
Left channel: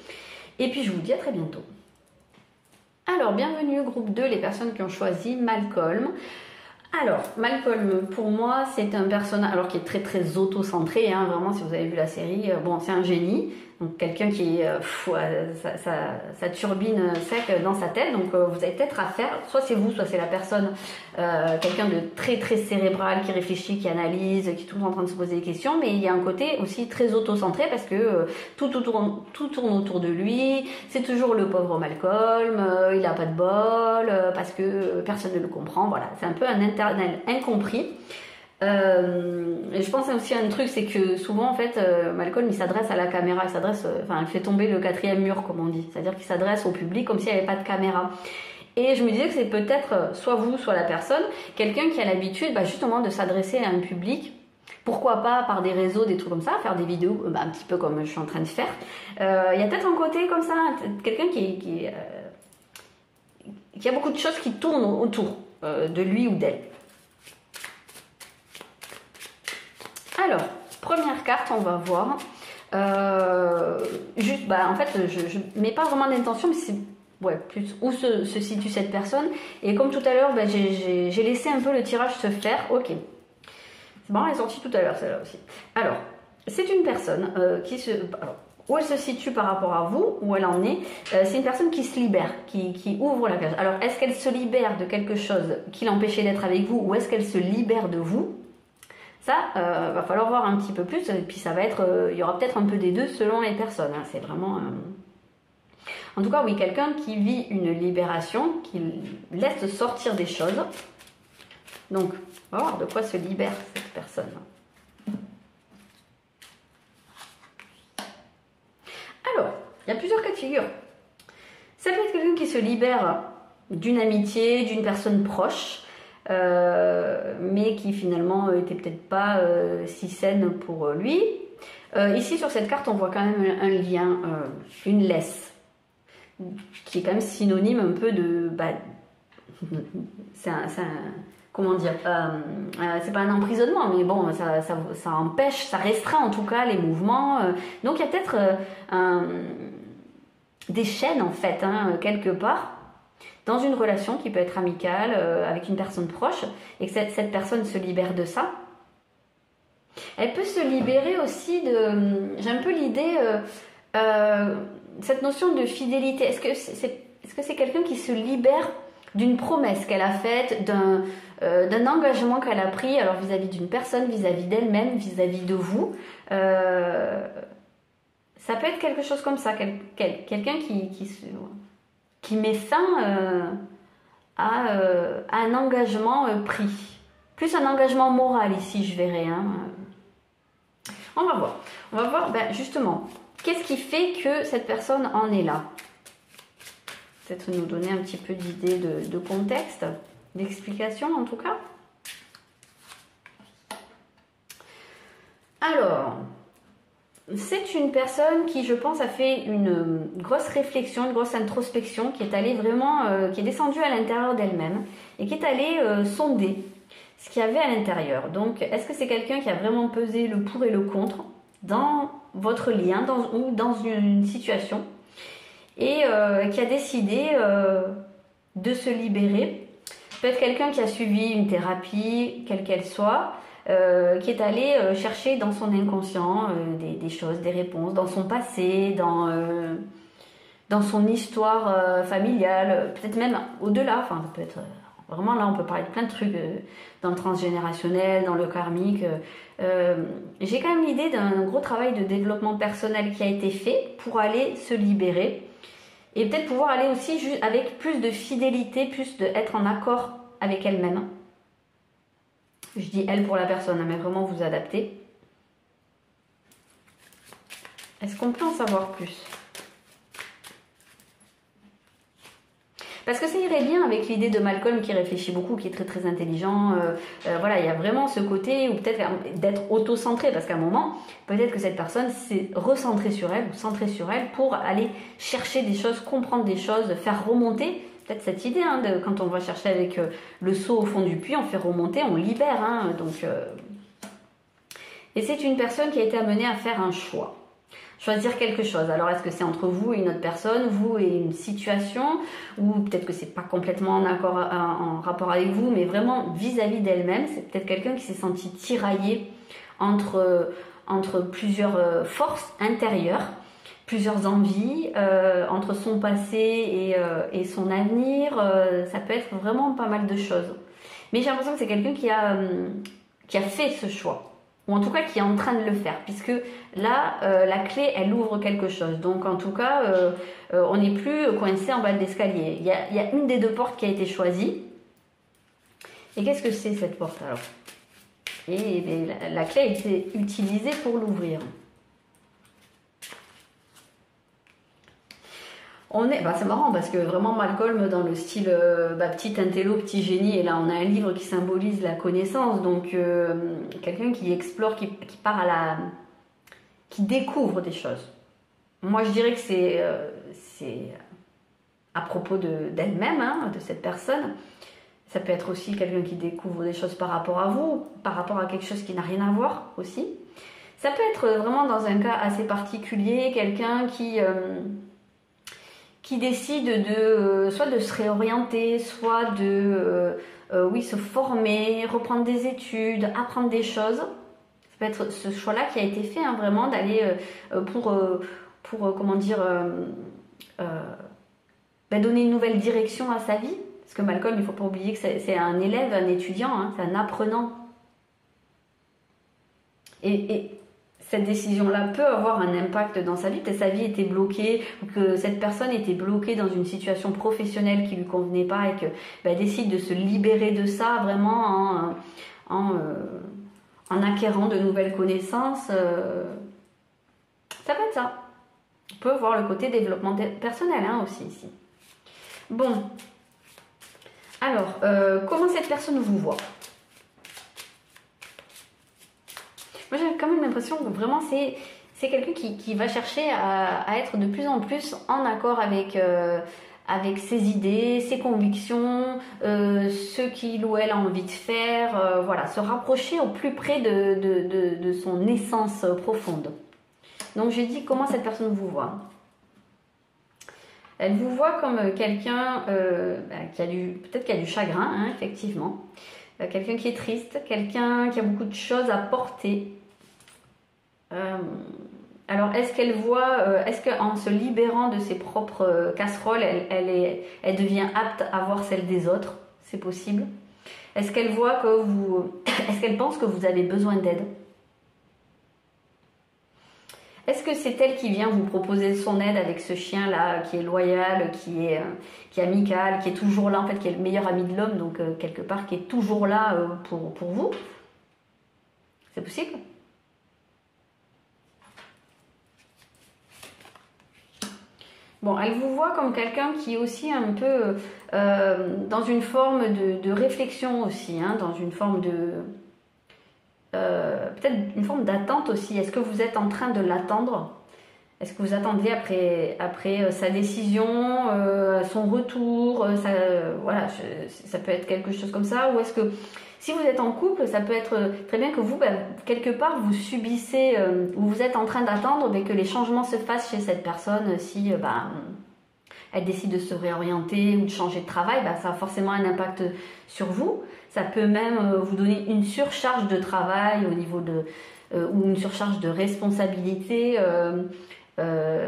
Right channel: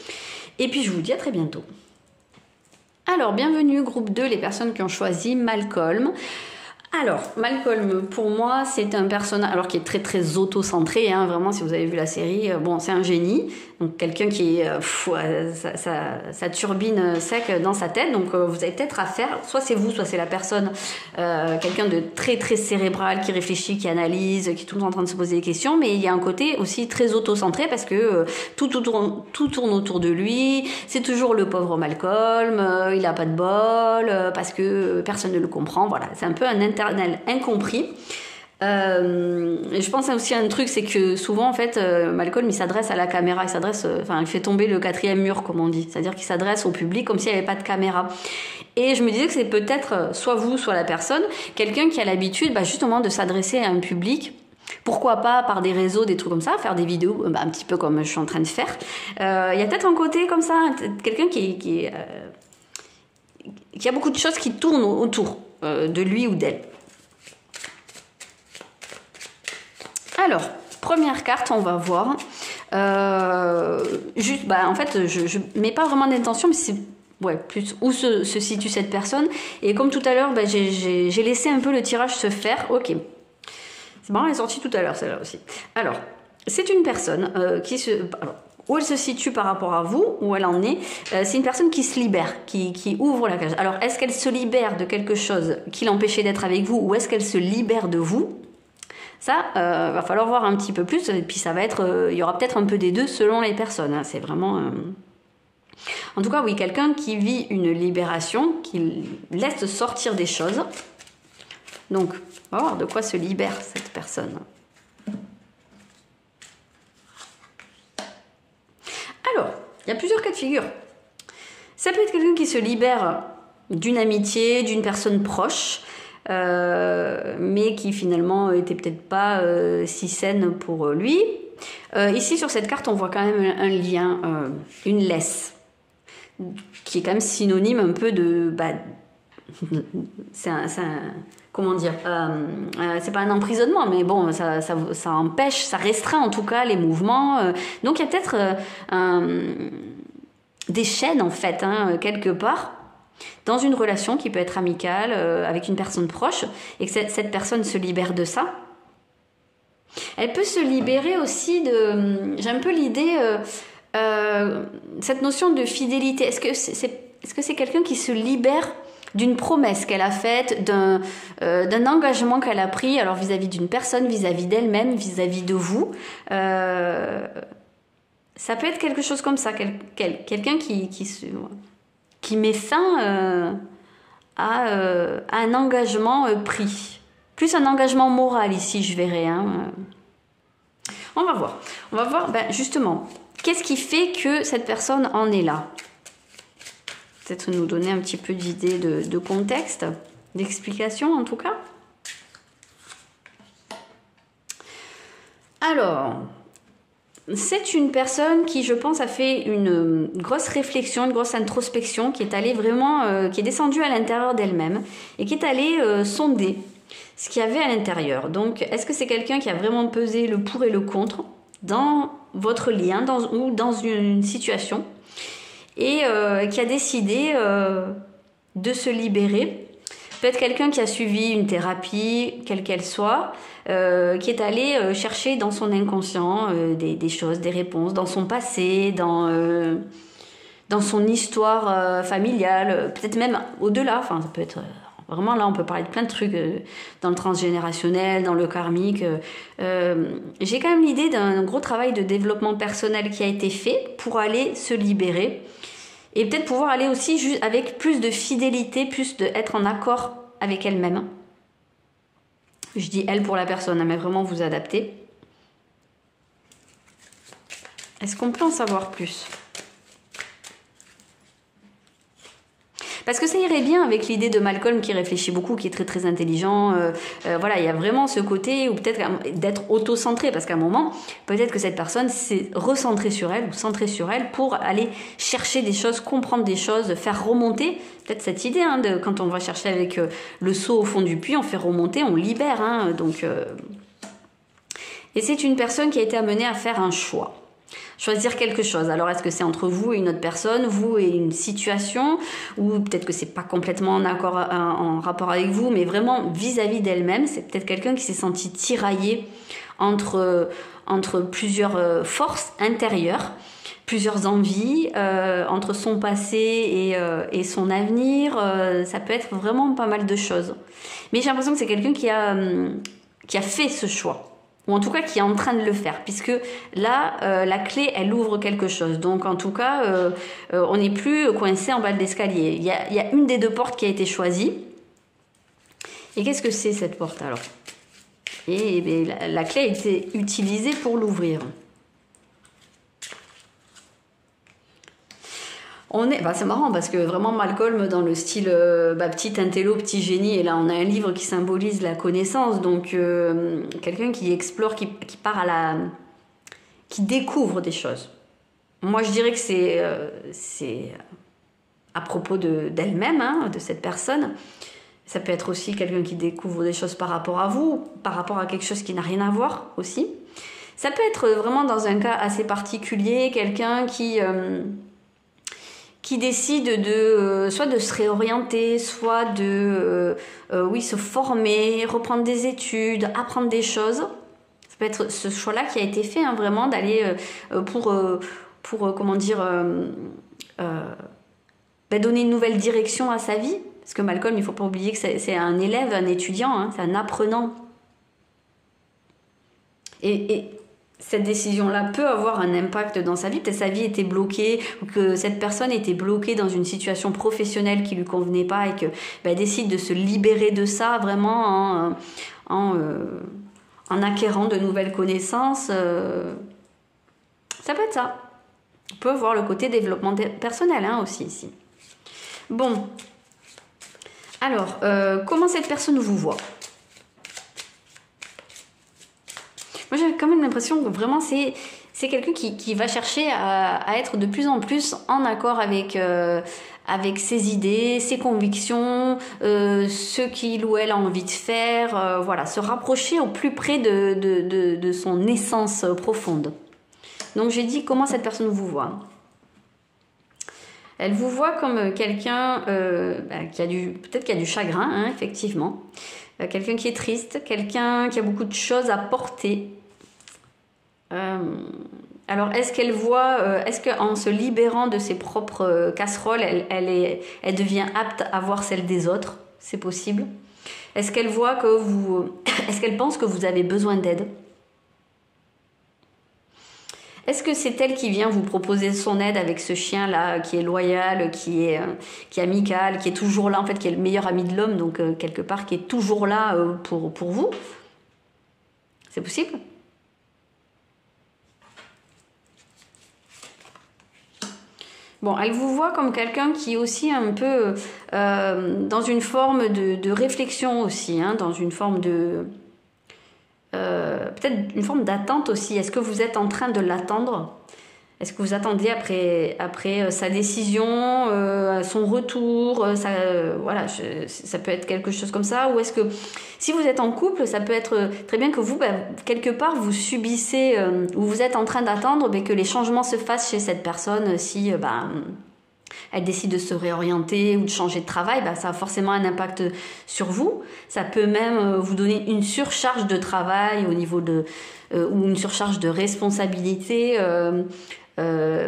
Et puis, je vous dis à très bientôt. Alors, bienvenue, groupe 2, les personnes qui ont choisi Malcolm. Alors, Malcolm, pour moi, c'est un personnage qui est très très auto-centré, hein, vraiment, si vous avez vu la série, c'est un génie, donc quelqu'un qui est ça turbine sec dans sa tête, donc vous avez peut-être à faire, soit c'est vous, soit c'est la personne, quelqu'un de très très cérébral, qui réfléchit, qui analyse, qui est tout le temps en train de se poser des questions, mais il y a un côté aussi très auto-centré parce que tout tourne autour de lui, c'est toujours le pauvre Malcolm, il n'a pas de bol, parce que personne ne le comprend, voilà, c'est un peu un interne incompris. Et je pense aussi à un truc, c'est que souvent en fait, Malcolm il s'adresse à la caméra, il fait tomber le quatrième mur comme on dit, c'est-à-dire qu'il s'adresse au public comme s'il n'y avait pas de caméra. Et je me disais que c'est peut-être soit vous, soit la personne, quelqu'un qui a l'habitude justement de s'adresser à un public. Pourquoi pas par des réseaux, des trucs comme ça, faire des vidéos un petit peu comme je suis en train de faire. Il y a peut-être un côté comme ça, quelqu'un qui a beaucoup de choses qui tournent autour de lui ou d'elle. Alors, première carte, on va voir. Juste, en fait, je mets pas vraiment d'intention, mais c'est plus où se situe cette personne. Et comme tout à l'heure, j'ai laissé un peu le tirage se faire. Ok. C'est marrant, elle est sortie tout à l'heure, celle-là aussi. Alors, c'est une personne où elle se situe par rapport à vous, où elle en est. C'est une personne qui se libère, qui ouvre la cage. Alors, est-ce qu'elle se libère de quelque chose qui l'empêchait d'être avec vous, ou est-ce qu'elle se libère de vous? Ça, va falloir voir un petit peu plus, et puis ça va être, il y aura peut-être un peu des deux selon les personnes. Hein. C'est vraiment... En tout cas, oui, quelqu'un qui vit une libération, qui laisse sortir des choses. Donc, on va voir de quoi se libère cette personne. Alors, il y a plusieurs cas de figure. Ça peut être quelqu'un qui se libère d'une amitié, d'une personne proche, mais qui finalement était peut-être pas si saine pour lui. Ici sur cette carte on voit quand même un lien, une laisse, qui est quand même synonyme un peu de... comment dire, c'est pas un emprisonnement, mais bon, ça empêche, ça restreint en tout cas les mouvements. Donc il y a peut-être des chaînes en fait, quelque part, dans une relation qui peut être amicale, avec une personne proche, et que cette personne se libère de ça. Elle peut se libérer aussi de... J'ai un peu l'idée, cette notion de fidélité. Est-ce que c'est quelqu'un qui se libère d'une promesse qu'elle a faite, d'un engagement qu'elle a pris, alors vis-à-vis d'une personne, vis-à-vis d'elle-même, vis-à-vis de vous. Ça peut être quelque chose comme ça, quelqu'un qui met fin à un engagement pris. Plus un engagement moral ici, je verrais. On va voir. On va voir justement, qu'est-ce qui fait que cette personne en est là? Peut-être nous donner un petit peu d'idée de contexte, d'explication en tout cas. Alors, c'est une personne qui, je pense, a fait une grosse réflexion, une grosse introspection, qui est allée vraiment, qui est descendue à l'intérieur d'elle-même et qui est allée sonder ce qu'il y avait à l'intérieur. Donc, est-ce que c'est quelqu'un qui a vraiment pesé le pour et le contre dans votre lien ou dans une situation et qui a décidé de se libérer? Peut-être quelqu'un qui a suivi une thérapie, quelle qu'elle soit, qui est allé chercher dans son inconscient des choses, des réponses, dans son passé, dans son histoire familiale, peut-être même au-delà. Enfin, ça peut être vraiment, là, on peut parler de plein de trucs dans le transgénérationnel, dans le karmique. J'ai quand même l'idée d'un gros travail de développement personnel qui a été fait pour aller se libérer. Et peut-être pouvoir aller aussi juste avec plus de fidélité, plus d'être en accord avec elle-même. Je dis elle pour la personne, mais vraiment vous adapter. Est-ce qu'on peut en savoir plus? Parce que ça irait bien avec l'idée de Malcolm qui réfléchit beaucoup, qui est très très intelligent. Voilà, il y a vraiment ce côté, ou peut-être d'être auto-centré, parce qu'à un moment, peut-être que cette personne s'est recentrée sur elle, ou centrée sur elle, pour aller chercher des choses, comprendre des choses, faire remonter. Peut-être cette idée, quand on va chercher avec le seau au fond du puits, on fait remonter, on libère. Et c'est une personne qui a été amenée à faire un choix. Choisir quelque chose. Alors, est-ce que c'est entre vous et une autre personne, vous et une situation, ou peut-être que c'est pas complètement en rapport avec vous, mais vraiment vis-à-vis d'elle-même. C'est peut-être quelqu'un qui s'est senti tiraillé entre plusieurs forces intérieures, plusieurs envies, entre son passé et son avenir. Ça peut être vraiment pas mal de choses. Mais j'ai l'impression que c'est quelqu'un qui a fait ce choix. Ou en tout cas qui est en train de le faire, puisque là, la clé, elle ouvre quelque chose. Donc en tout cas, on n'est plus coincé en bas de l'escalier. Il y a une des deux portes qui a été choisie. Et qu'est-ce que c'est cette porte alors? Et la clé a été utilisée pour l'ouvrir. C'est marrant parce que vraiment Malcolm dans le style petit intello, petit génie, et là on a un livre qui symbolise la connaissance, donc quelqu'un qui explore, qui part qui découvre des choses. Moi je dirais que c'est à propos d'elle-même, hein, de cette personne. Ça peut être aussi quelqu'un qui découvre des choses par rapport à vous, par rapport à quelque chose qui n'a rien à voir aussi. Ça peut être vraiment dans un cas assez particulier, quelqu'un qui décide soit de se réorienter, soit de se former, reprendre des études, apprendre des choses. Ça peut être ce choix-là qui a été fait, hein, vraiment, d'aller pour donner une nouvelle direction à sa vie. Parce que Malcolm, il ne faut pas oublier que c'est un élève, un étudiant, hein, c'est un apprenant. Et cette décision-là peut avoir un impact dans sa vie. Peut-être sa vie était bloquée, ou que cette personne était bloquée dans une situation professionnelle qui ne lui convenait pas et qu'elle décide de se libérer de ça vraiment en acquérant de nouvelles connaissances. Ça peut être ça. On peut voir le côté développement personnel, hein, aussi ici. Bon. Alors, comment cette personne vous voit ? Moi, j'ai quand même l'impression que vraiment, c'est quelqu'un qui va chercher à être de plus en plus en accord avec ses idées, ses convictions, ce qu'il ou elle a envie de faire, se rapprocher au plus près de son essence profonde. Donc, j'ai dit comment cette personne vous voit. Elle vous voit comme quelqu'un qui a du chagrin, hein, effectivement. Quelqu'un qui est triste, quelqu'un qui a beaucoup de choses à porter. Alors, est-ce qu'elle voit, est-ce qu'en se libérant de ses propres casseroles, elle devient apte à voir celles des autres? C'est possible. Est-ce qu'elle voit est-ce qu'elle pense que vous avez besoin d'aide? Est-ce que c'est elle qui vient vous proposer son aide avec ce chien-là, qui est loyal, qui est amical, qui est toujours là, en fait, qui est le meilleur ami de l'homme, donc quelque part, qui est toujours là pour vous? C'est possible? Bon, elle vous voit comme quelqu'un qui est aussi un peu dans une forme de réflexion aussi, hein, dans une forme de... peut-être une forme d'attente aussi. Est-ce que vous êtes en train de l'attendre? Est-ce que vous attendez après sa décision, son retour, ça peut être quelque chose comme ça? Ou est-ce que si vous êtes en couple, ça peut être très bien que vous, quelque part, vous subissez, ou vous êtes en train d'attendre que les changements se fassent chez cette personne si elle décide de se réorienter ou de changer de travail, ça a forcément un impact sur vous. Ça peut même vous donner une surcharge de travail au niveau ou une surcharge de responsabilité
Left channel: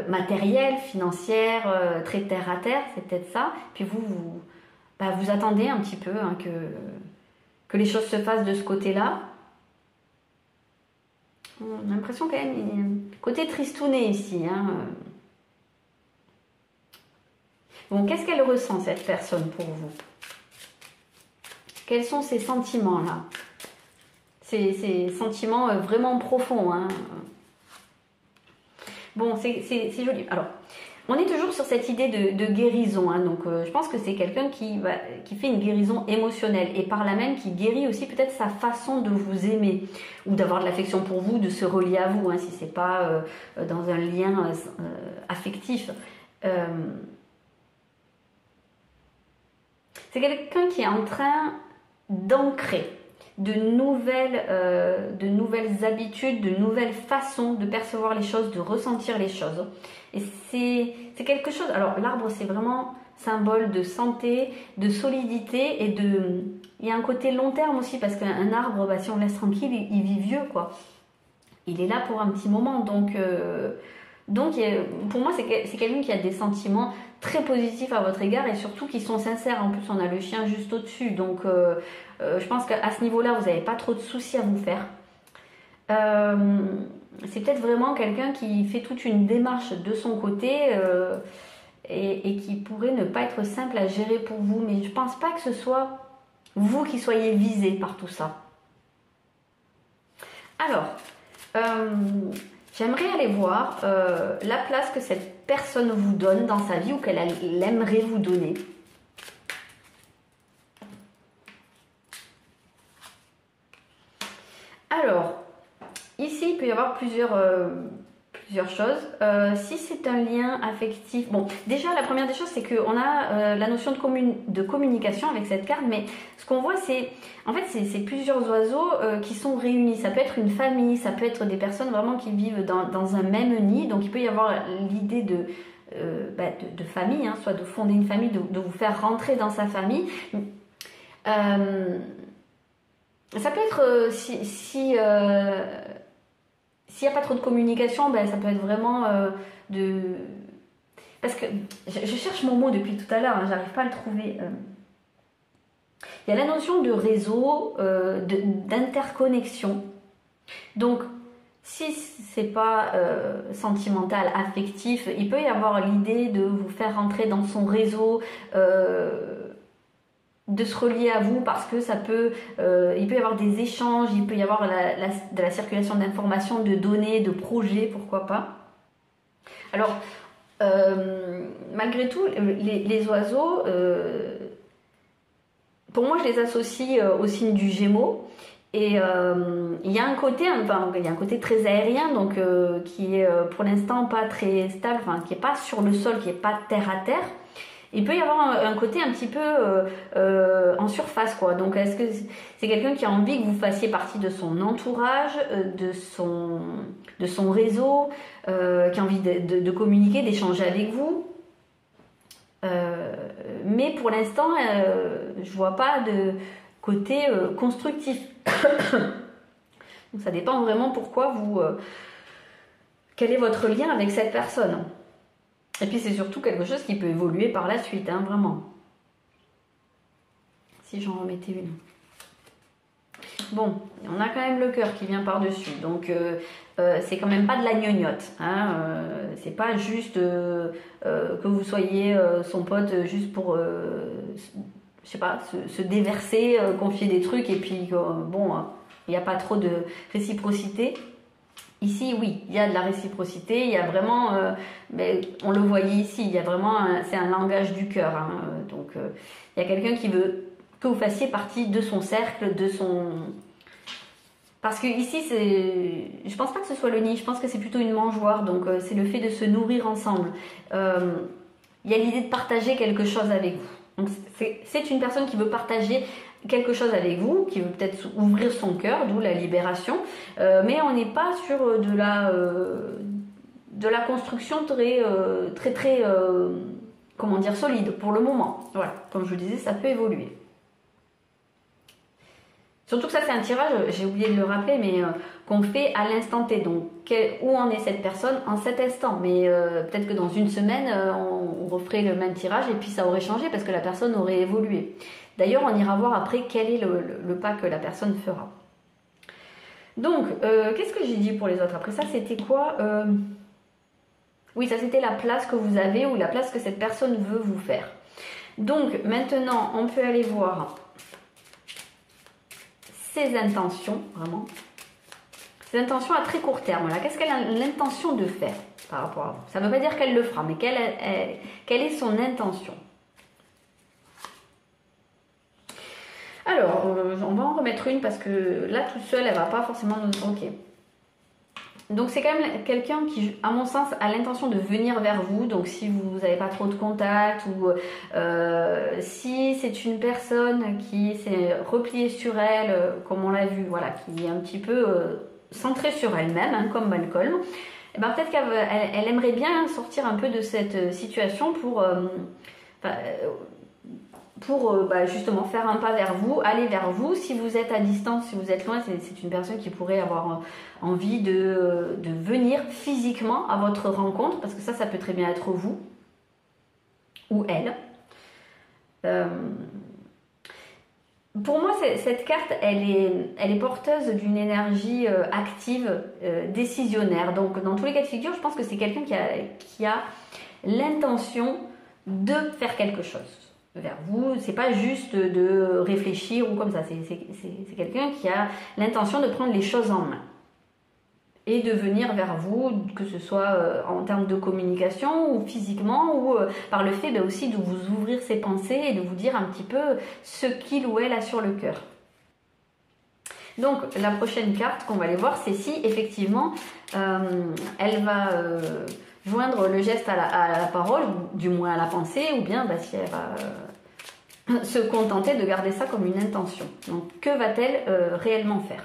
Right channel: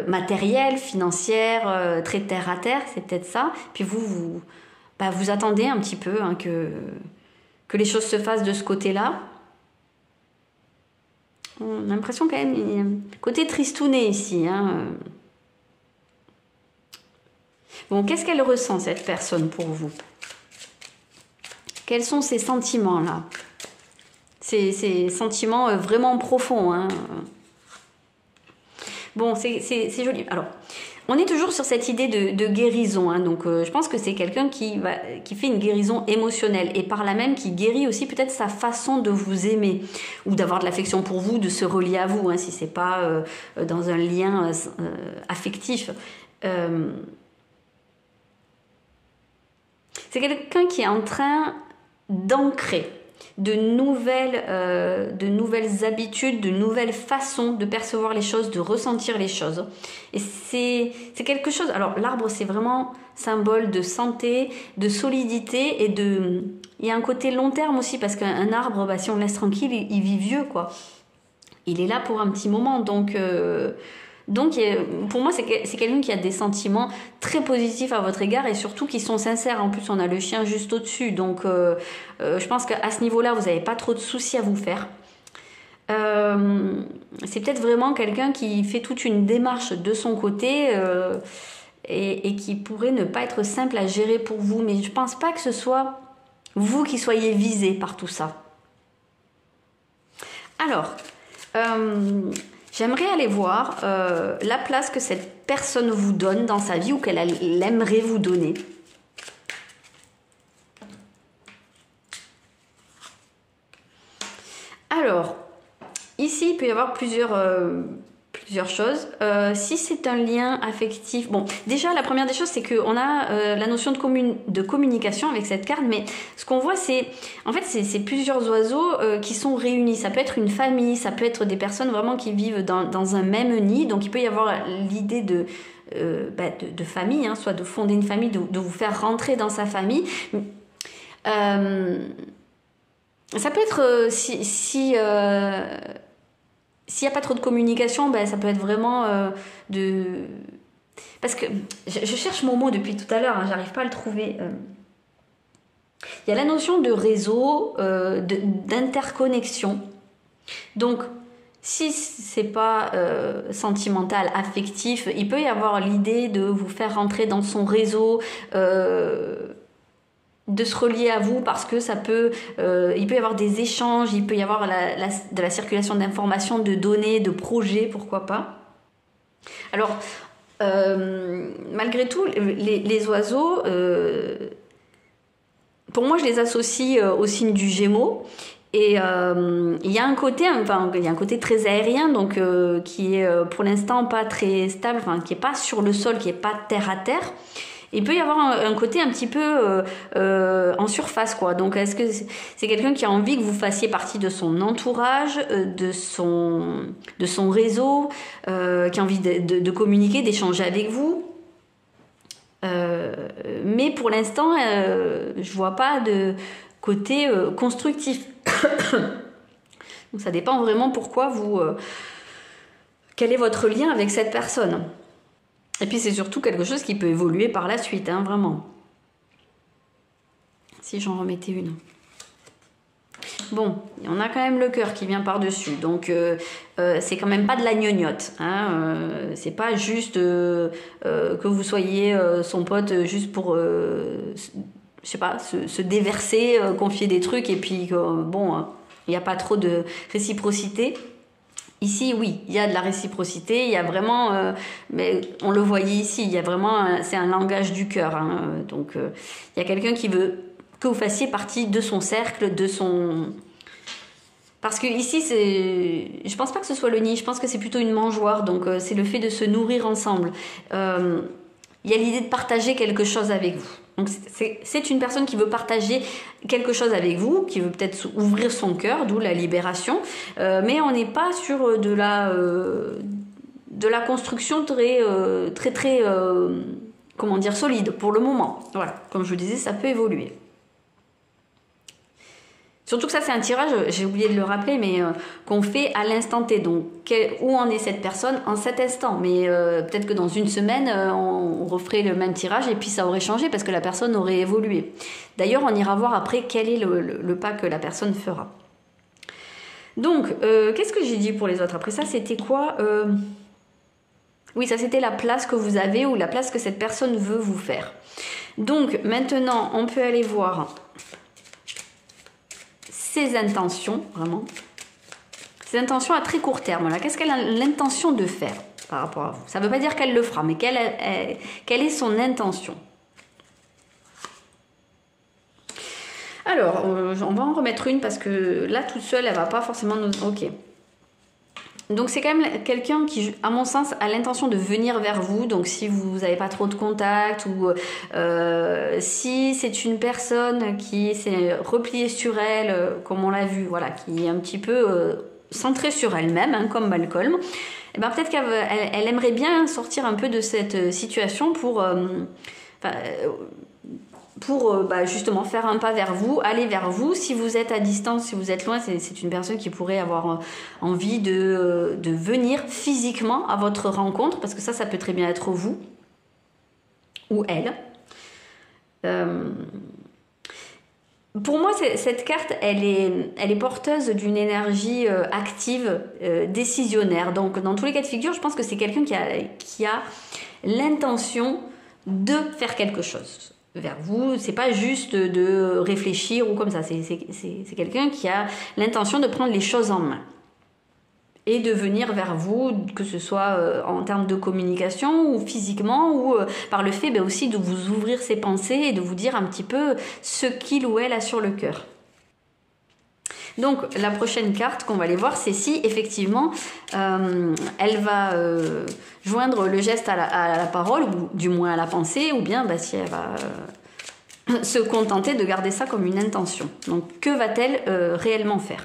matérielle, financière, très terre à terre, c'est peut-être ça. Puis vous attendez un petit peu, hein, que les choses se fassent de ce côté-là. On a l'impression quand même, il y a un côté tristouné ici, hein. Bon, qu'est-ce qu'elle ressent, cette personne, pour vous? Quels sont ces sentiments-là? Ces sentiments vraiment profonds, hein. Bon, c'est joli. Alors, on est toujours sur cette idée de guérison, hein. Donc je pense que c'est quelqu'un qui fait une guérison émotionnelle et par là même qui guérit aussi peut-être sa façon de vous aimer ou d'avoir de l'affection pour vous, de se relier à vous, hein, si c'est pas dans un lien affectif. C'est quelqu'un qui est en train d'ancrer de nouvelles habitudes, de nouvelles façons de percevoir les choses, de ressentir les choses. Et c'est quelque chose... Alors, l'arbre, c'est vraiment symbole de santé, de solidité et de... Il y a un côté long terme aussi, parce qu'un arbre, si on le laisse tranquille, il vit vieux, quoi. Il est là pour un petit moment, donc pour moi, c'est quelqu'un qui a des sentiments très positifs à votre égard et surtout qui sont sincères. En plus, on a le chien juste au-dessus. Donc, je pense qu'à ce niveau-là, vous n'avez pas trop de soucis à vous faire. C'est peut-être vraiment quelqu'un qui fait toute une démarche de son côté et qui pourrait ne pas être simple à gérer pour vous. Mais je ne pense pas que ce soit vous qui soyez visé par tout ça. Alors, j'aimerais aller voir la place que cette personne vous donne dans sa vie ou qu'elle aimerait vous donner. Alors, ici, il peut y avoir plusieurs choses. Si c'est un lien affectif, bon, déjà la première des choses, c'est qu'on a la notion de communication avec cette carte, mais ce qu'on voit, c'est en fait c'est plusieurs oiseaux qui sont réunis. Ça peut être une famille, ça peut être des personnes vraiment qui vivent dans un même nid. Donc il peut y avoir l'idée de famille, hein, soit de fonder une famille, de vous faire rentrer dans sa famille. Ça peut être s'il n'y a pas trop de communication, ben, ça peut être vraiment Parce que je cherche mon mot depuis tout à l'heure, hein, j'arrive pas à le trouver. Il y a la notion de réseau, d'interconnexion. Donc, si c'est pas sentimental, affectif, il peut y avoir l'idée de vous faire rentrer dans son réseau, de se relier à vous parce que ça peut, il peut y avoir des échanges, il peut y avoir de la circulation d'informations, de données, de projets, pourquoi pas. Alors, malgré tout, les oiseaux, pour moi, je les associe au signe du Gémeaux. Et il y a un côté, il y a un côté très aérien, donc qui est pour l'instant pas très stable, qui est pas sur le sol, qui est pas terre à terre. Il peut y avoir un côté un petit peu en surface, quoi. Donc, est-ce que c'est quelqu'un qui a envie que vous fassiez partie de son entourage, de son réseau, qui a envie de communiquer, d'échanger avec vous? Mais pour l'instant, je vois pas de côté constructif. Donc, ça dépend vraiment pourquoi quel est votre lien avec cette personne. Et puis c'est surtout quelque chose qui peut évoluer par la suite, hein, vraiment. Si j'en remettais une. Bon, on a quand même le cœur qui vient par-dessus. Donc c'est quand même pas de la gnognotte. Hein, c'est pas juste que vous soyez son pote juste pour, je sais pas, se déverser, confier des trucs et puis bon, il n'y a pas trop de réciprocité. Ici, oui, il y a de la réciprocité, il y a vraiment, mais on le voyait ici, il y a vraiment, c'est un langage du cœur. Hein, donc, il y a quelqu'un qui veut que vous fassiez partie de son cercle, de son... Parce que ici, je pense pas que ce soit le nid, je pense que c'est plutôt une mangeoire, donc c'est le fait de se nourrir ensemble. Il y a l'idée de partager quelque chose avec vous. Donc c'est une personne qui veut partager quelque chose avec vous, qui veut peut-être ouvrir son cœur, d'où la libération, mais on n'est pas sur de la construction très comment dire, solide pour le moment. Voilà, comme je vous disais, ça peut évoluer. Surtout que ça, c'est un tirage, j'ai oublié de le rappeler, mais qu'on fait à l'instant T. Donc, où en est cette personne en cet instant? Mais peut-être que dans une semaine, on referait le même tirage et puis ça aurait changé parce que la personne aurait évolué. D'ailleurs, on ira voir après quel est le pas que la personne fera. Donc, qu'est-ce que j'ai dit pour les autres? Après ça, c'était quoi? Oui, ça, c'était la place que vous avez ou la place que cette personne veut vous faire. Donc, maintenant, on peut aller voir ses intentions, vraiment. Ses intentions à très court terme. Là, qu'est-ce qu'elle a l'intention de faire par rapport à vous? Ça ne veut pas dire qu'elle le fera, mais quelle est son intention? Alors, on va en remettre une parce que là, toute seule, elle ne va pas forcément nous... Ok. Donc, c'est quand même quelqu'un qui, à mon sens, a l'intention de venir vers vous. Donc, si vous n'avez pas trop de contact ou si c'est une personne qui s'est repliée sur elle, comme on l'a vu, voilà, qui est un petit peu centrée sur elle-même, hein, comme Malcolm, et ben, peut-être qu'elle aimerait bien sortir un peu de cette situation pour justement faire un pas vers vous, aller vers vous. Si vous êtes à distance, si vous êtes loin, c'est une personne qui pourrait avoir envie de venir physiquement à votre rencontre, parce que ça peut très bien être vous ou elle. Pour moi, cette carte, elle est porteuse d'une énergie active, décisionnaire. Donc, dans tous les cas de figure, je pense que c'est quelqu'un qui a l'intention de faire quelque chose vers vous. C'est pas juste de réfléchir ou comme ça. C'est quelqu'un qui a l'intention de prendre les choses en main. et de venir vers vous, que ce soit en termes de communication ou physiquement, ou par le fait aussi de vous ouvrir ses pensées et de vous dire un petit peu ce qu'il ou elle a sur le cœur. Donc la prochaine carte qu'on va aller voir, c'est si effectivement elle va joindre le geste à la parole, ou du moins à la pensée, ou bien si elle va se contenter de garder ça comme une intention. Donc que va-t-elle réellement faire?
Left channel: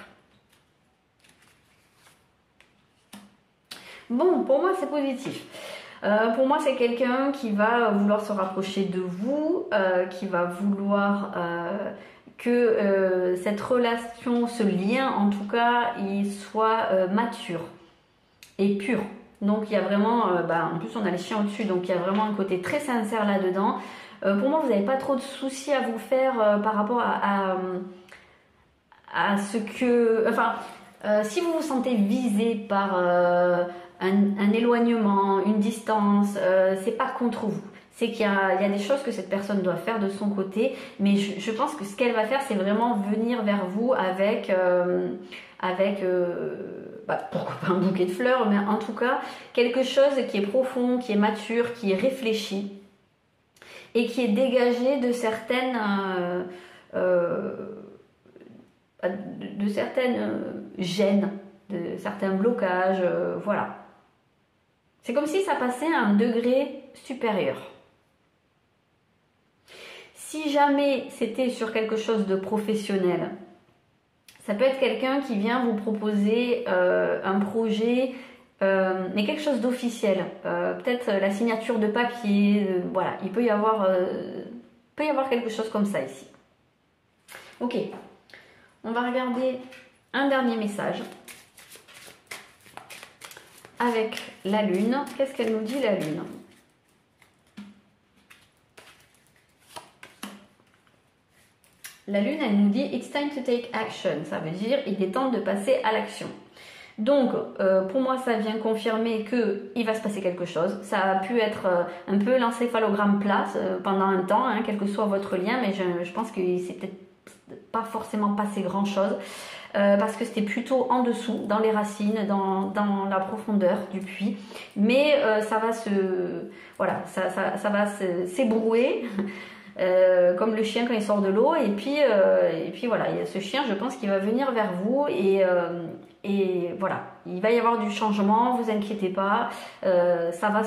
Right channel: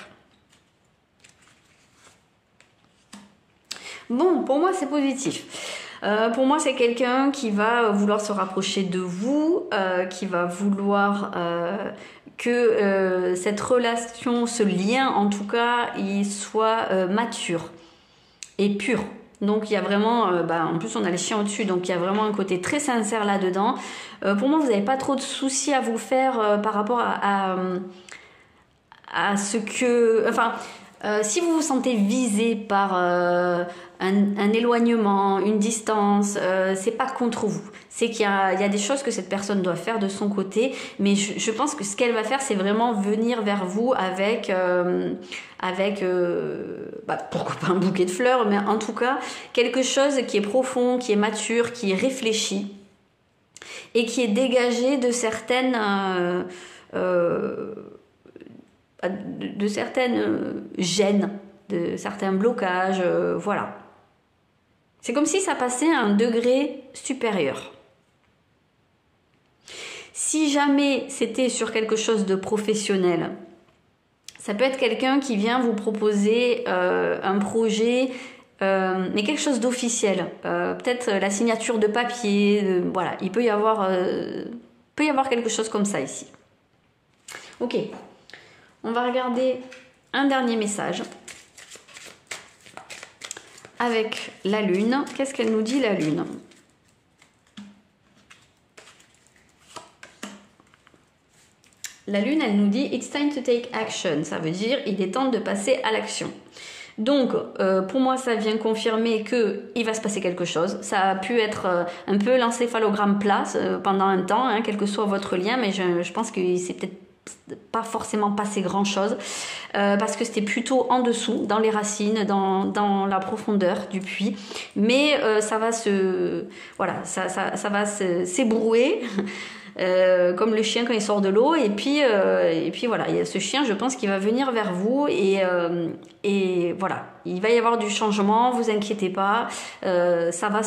Bon, pour moi c'est positif. Pour moi c'est quelqu'un qui va vouloir se rapprocher de vous, qui va vouloir que cette relation, ce lien en tout cas, il soit mature et pur. Donc il y a vraiment, en plus on a les chiens au-dessus, donc il y a vraiment un côté très sincère là-dedans. Pour moi vous n'avez pas trop de soucis à vous faire par rapport à ce que... Enfin, si vous vous sentez visé par un éloignement, une distance, c'est pas contre vous. C'est qu'il y a des choses que cette personne doit faire de son côté, mais je pense que ce qu'elle va faire, c'est vraiment venir vers vous avec pourquoi pas un bouquet de fleurs, mais en tout cas quelque chose qui est profond, qui est mature, qui est réfléchi et qui est dégagé de certaines gênes, de certains blocages, voilà. C'est comme si ça passait à un degré supérieur. Si jamais c'était sur quelque chose de professionnel, ça peut être quelqu'un qui vient vous proposer un projet, mais quelque chose d'officiel. Peut-être la signature de papier, voilà, il peut y avoir quelque chose comme ça ici. Ok, on va regarder un dernier message. Avec la lune, qu'est-ce qu'elle nous dit la lune? La lune, elle nous dit « It's time to take action ». Ça veut dire « Il est temps de passer à l'action ». Donc, pour moi, ça vient confirmer qu'il va se passer quelque chose. Ça a pu être un peu l'encéphalogramme plat pendant un temps, hein, quel que soit votre lien, mais je pense que c'est peut-être pas forcément passé grand-chose. Parce que c'était plutôt en dessous, dans les racines, dans la profondeur du puits. Mais ça va ça va s'ébrouer, comme le chien quand il sort de l'eau. Et puis voilà, il y a ce chien, je pense qu'il va venir vers vous. Et voilà, il va y avoir du changement, vous inquiétez pas. Ça va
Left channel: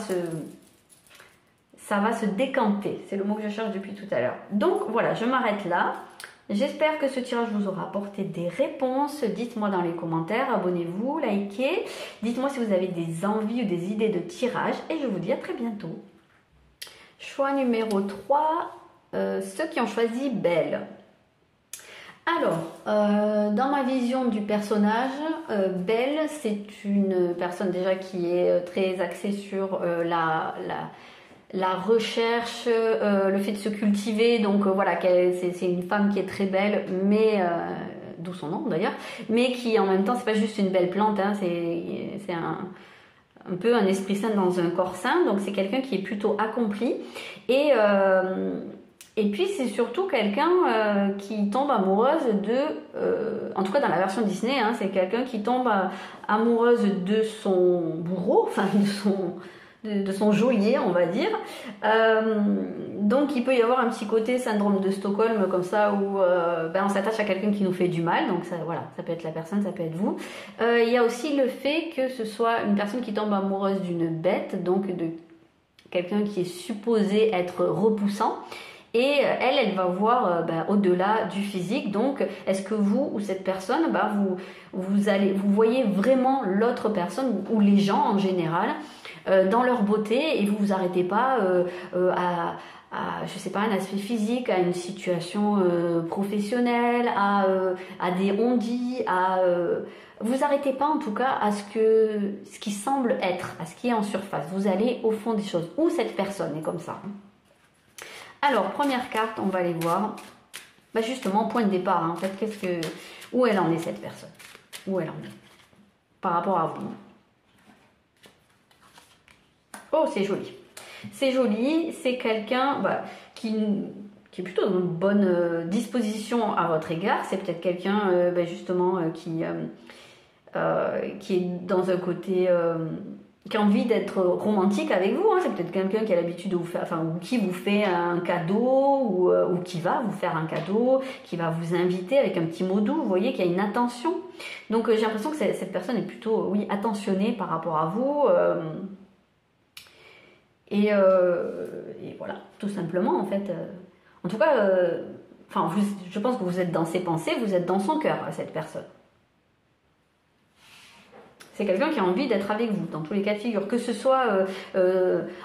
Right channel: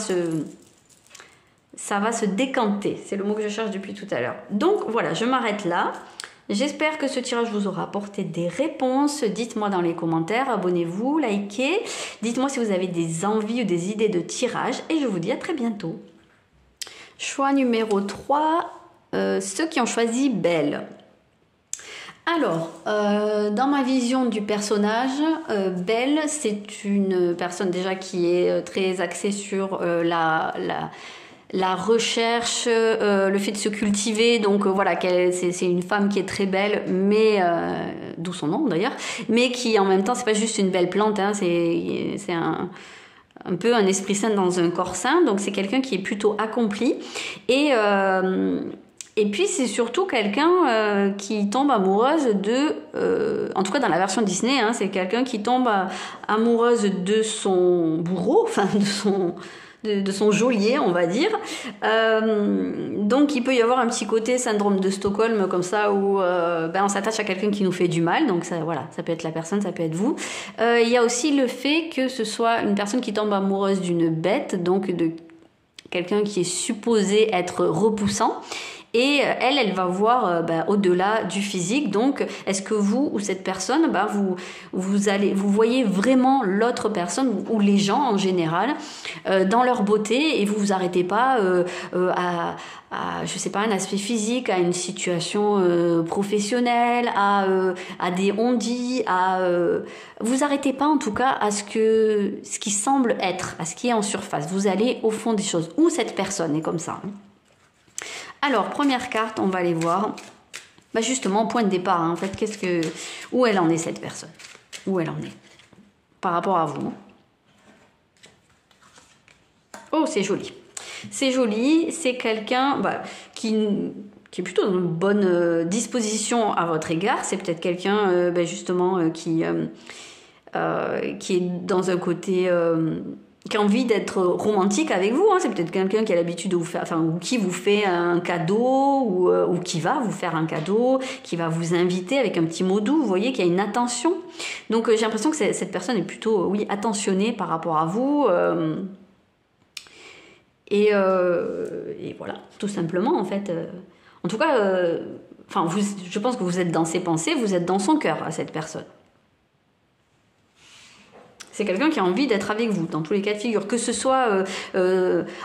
se décanter, c'est le mot que je cherche depuis tout à l'heure. Donc voilà, je m'arrête là. J'espère que ce tirage vous aura apporté des réponses. Dites-moi dans les commentaires, abonnez-vous, likez. Dites-moi si vous avez des envies ou des idées de tirage. Et je vous dis à très bientôt. Choix numéro 3, ceux qui ont choisi Belle. Alors, dans ma vision du personnage, Belle, c'est une personne déjà qui est très axée sur la recherche, le fait de se cultiver, donc voilà, c'est une femme qui est très belle, mais d'où son nom d'ailleurs, mais qui en même temps c'est pas juste une belle plante, hein, c'est un peu un esprit saint dans un corps sain, donc c'est quelqu'un qui est plutôt accompli et puis c'est surtout quelqu'un qui tombe amoureuse en tout cas dans la version Disney, hein, c'est quelqu'un qui tombe amoureuse de son bourreau, enfin de son geôlier, on va dire. Donc il peut y avoir un petit côté syndrome de Stockholm comme ça où on s'attache à quelqu'un qui nous fait du mal, donc ça, voilà, ça peut être la personne, ça peut être vous. Il y a aussi le fait que ce soit une personne qui tombe amoureuse d'une bête, donc de quelqu'un qui est supposé être repoussant. Et elle va voir au-delà du physique. Donc, est-ce que vous ou cette personne, vous voyez vraiment l'autre personne ou les gens en général dans leur beauté et vous vous arrêtez pas je sais pas, un aspect physique, à une situation professionnelle, à des on-dit, vous arrêtez pas en tout cas à ce qui semble être, à ce qui est en surface. Vous allez au fond des choses. Ou cette personne est comme ça. Alors, première carte, on va aller voir. Justement, point de départ, hein, en fait, où elle en est cette personne? Où elle en est par rapport à vous? Oh, c'est joli. C'est joli, c'est quelqu'un qui est plutôt dans une bonne disposition à votre égard. C'est peut-être quelqu'un, justement, qui qui est dans un côté... qui a envie d'être romantique avec vous, hein. C'est peut-être quelqu'un qui a l'habitude de vous faire, enfin, ou qui vous fait un cadeau, ou qui va vous faire un cadeau, qui va vous inviter avec un petit mot doux. Vous voyez qu'il y a une attention. Donc j'ai l'impression que cette personne est plutôt, oui, attentionnée par rapport à vous. Et voilà, tout simplement, en fait. En tout cas, enfin, je pense que vous êtes dans ses pensées, vous êtes dans son cœur à cette personne. C'est quelqu'un qui a envie d'être avec vous, dans tous les cas de figure. Que ce soit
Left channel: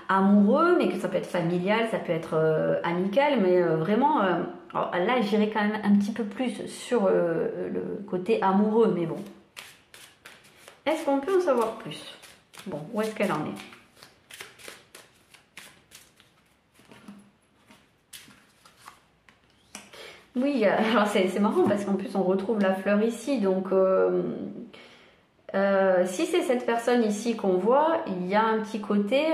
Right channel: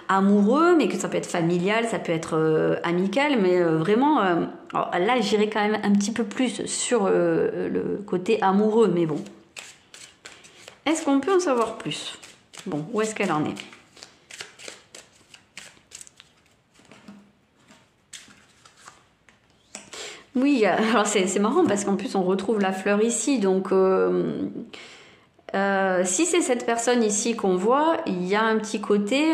amoureux, mais que ça peut être familial, ça peut être amical, mais vraiment, alors là, j'irai quand même un petit peu plus sur le côté amoureux, mais bon. Est-ce qu'on peut en savoir plus? Bon, où est-ce qu'elle en est? Oui, alors c'est marrant parce qu'en plus on retrouve la fleur ici, donc si c'est cette personne ici qu'on voit, il y a un petit côté,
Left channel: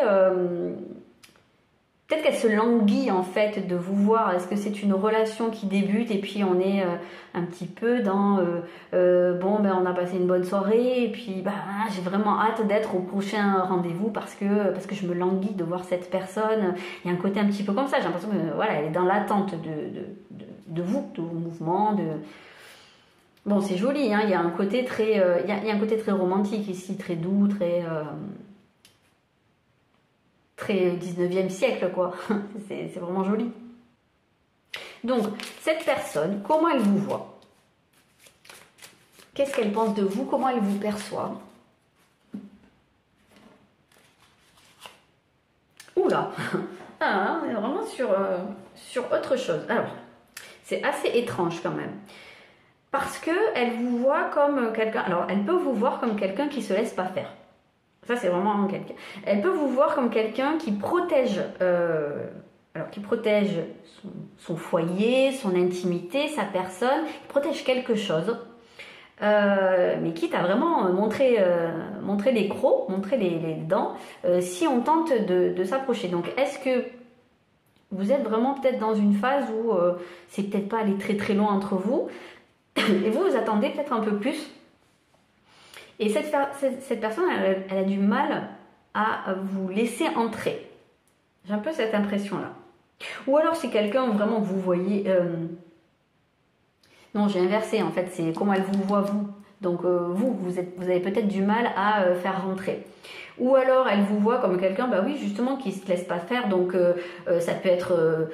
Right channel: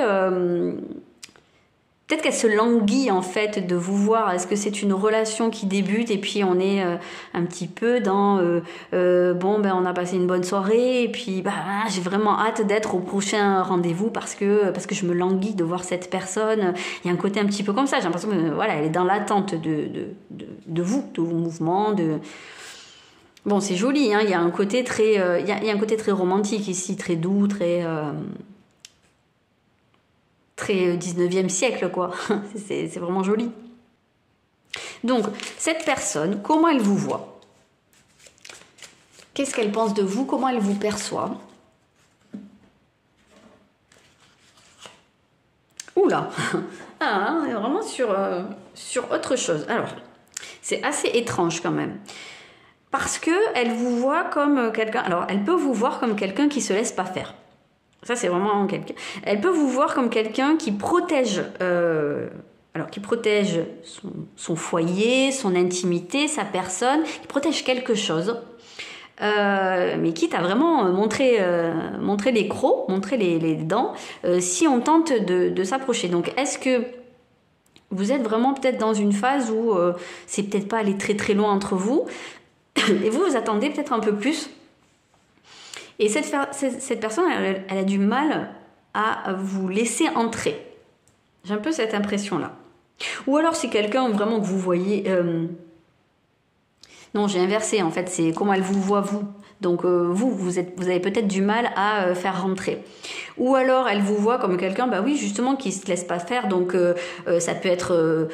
peut-être qu'elle se languit en fait de vous voir. Est-ce que c'est une relation qui débute et puis on est un petit peu dans bon ben on a passé une bonne soirée et puis bah j'ai vraiment hâte d'être au prochain rendez-vous parce que je me languis de voir cette personne. Il y a un côté un petit peu comme ça. J'ai l'impression que voilà, elle est dans l'attente de vous, de vos mouvements, de... Bon, c'est joli, hein, il y a un côté très, il y a un côté très romantique ici, très doux, très 19e siècle, quoi. C'est vraiment joli. Donc, cette personne, comment elle vous voit? Qu'est-ce qu'elle pense de vous? Comment elle vous perçoit? Oula, ah, on est vraiment sur autre chose. Alors, c'est assez étrange quand même. Parce que elle vous voit comme quelqu'un... Alors, elle peut vous voir comme quelqu'un qui se laisse pas faire. Ça, c'est vraiment quelqu'un... Elle peut vous voir comme quelqu'un qui protège... qui protège son foyer, son intimité, sa personne, qui protège quelque chose. Mais quitte à vraiment montrer les crocs, montrer les dents, si on tente de s'approcher. Donc, est-ce que vous êtes vraiment peut-être dans une phase où c'est peut-être pas aller très très loin entre vous, et vous attendez peut-être un peu plus. Et cette personne, elle a du mal à vous laisser entrer. J'ai un peu cette impression-là. Ou alors c'est quelqu'un vraiment que vous voyez... Non, j'ai inversé en fait, c'est comment elle vous voit vous. Donc vous avez peut-être du mal à faire rentrer. Ou alors elle vous voit comme quelqu'un, bah oui, justement, qui ne se laisse pas faire. Donc ça peut être...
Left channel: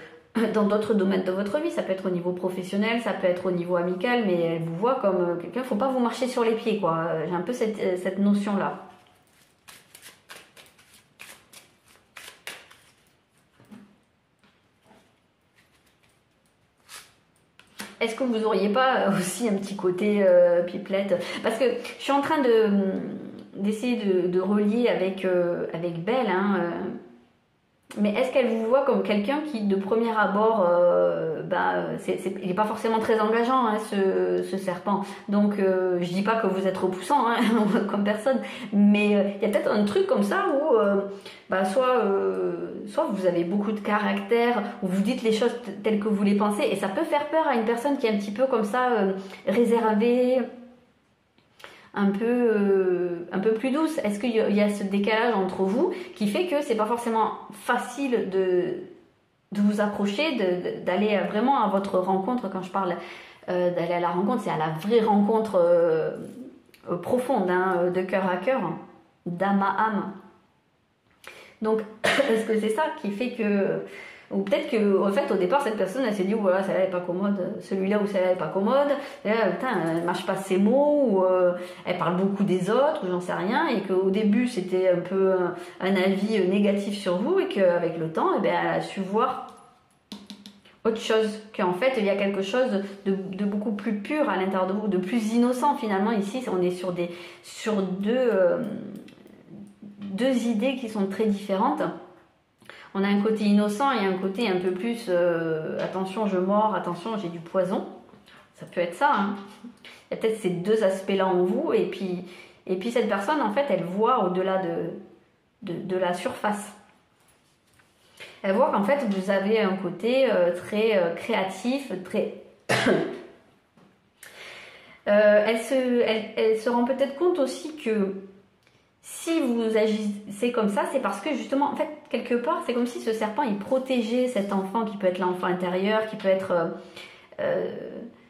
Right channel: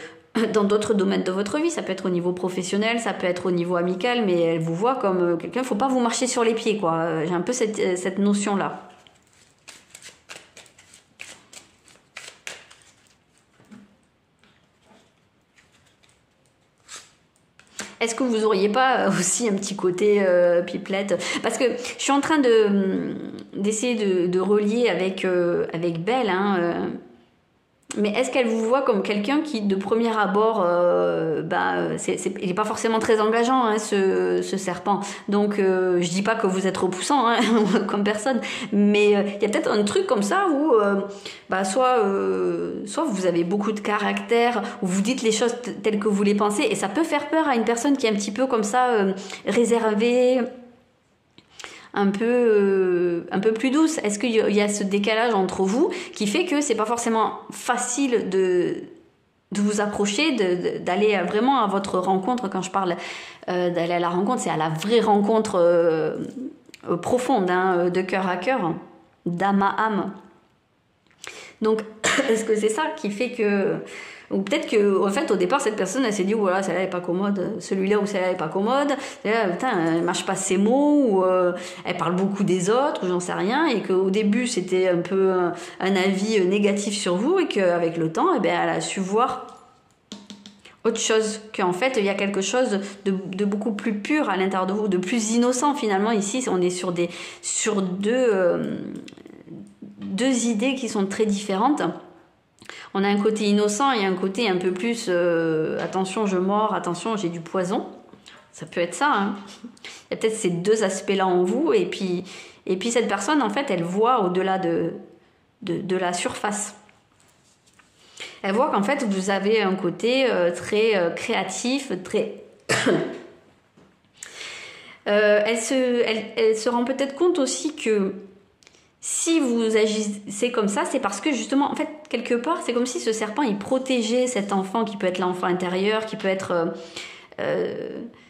dans d'autres domaines de votre vie, ça peut être au niveau professionnel, ça peut être au niveau amical, mais elle vous voit comme quelqu'un, il ne faut pas vous marcher sur les pieds, quoi. J'ai un peu cette notion-là. Est-ce que vous auriez pas aussi un petit côté pipelette? Parce que je suis en train d'essayer de relier avec Belle, hein, mais est-ce qu'elle vous voit comme quelqu'un qui, de premier abord, il n'est pas forcément très engageant, hein, ce serpent. Donc, je dis pas que vous êtes repoussant, hein, comme personne, mais il y a peut-être un truc comme ça où, soit vous avez beaucoup de caractère, ou vous dites les choses telles que vous les pensez, et ça peut faire peur à une personne qui est un petit peu comme ça, réservée, un peu plus douce. Est-ce qu'il y a ce décalage entre vous qui fait que c'est pas forcément facile de vous approcher, d'aller vraiment à votre rencontre? Quand je parle d'aller à la rencontre, c'est à la vraie rencontre profonde, hein, de cœur à cœur, d'âme à âme. Donc, est-ce que c'est ça qui fait que... Ou peut-être que, en fait, au départ, cette personne, elle s'est dit, voilà, celle-là n'est pas commode, celui-là ou celle-là n'est pas commode, putain, elle ne mâche pas ses mots, ou elle parle beaucoup des autres, ou j'en sais rien, et qu'au début, c'était un peu un avis négatif sur vous, et qu'avec le temps, eh bien, elle a su voir autre chose, qu'en fait, il y a quelque chose de beaucoup plus pur à l'intérieur de vous, de plus innocent, finalement. Ici, on est sur deux idées qui sont très différentes. On a un côté innocent et un côté un peu plus attention, je mords, attention, j'ai du poison. Ça peut être ça, hein. Il y a peut-être ces deux aspects-là en vous, et puis cette personne, en fait, elle voit au-delà de la surface. Elle voit qu'en fait, vous avez un côté très créatif, très... Elle se rend peut-être compte aussi que si vous agissez comme ça, c'est parce que justement, en fait, quelque part, c'est comme si ce serpent, il protégeait cet enfant qui peut être l'enfant intérieur, qui peut être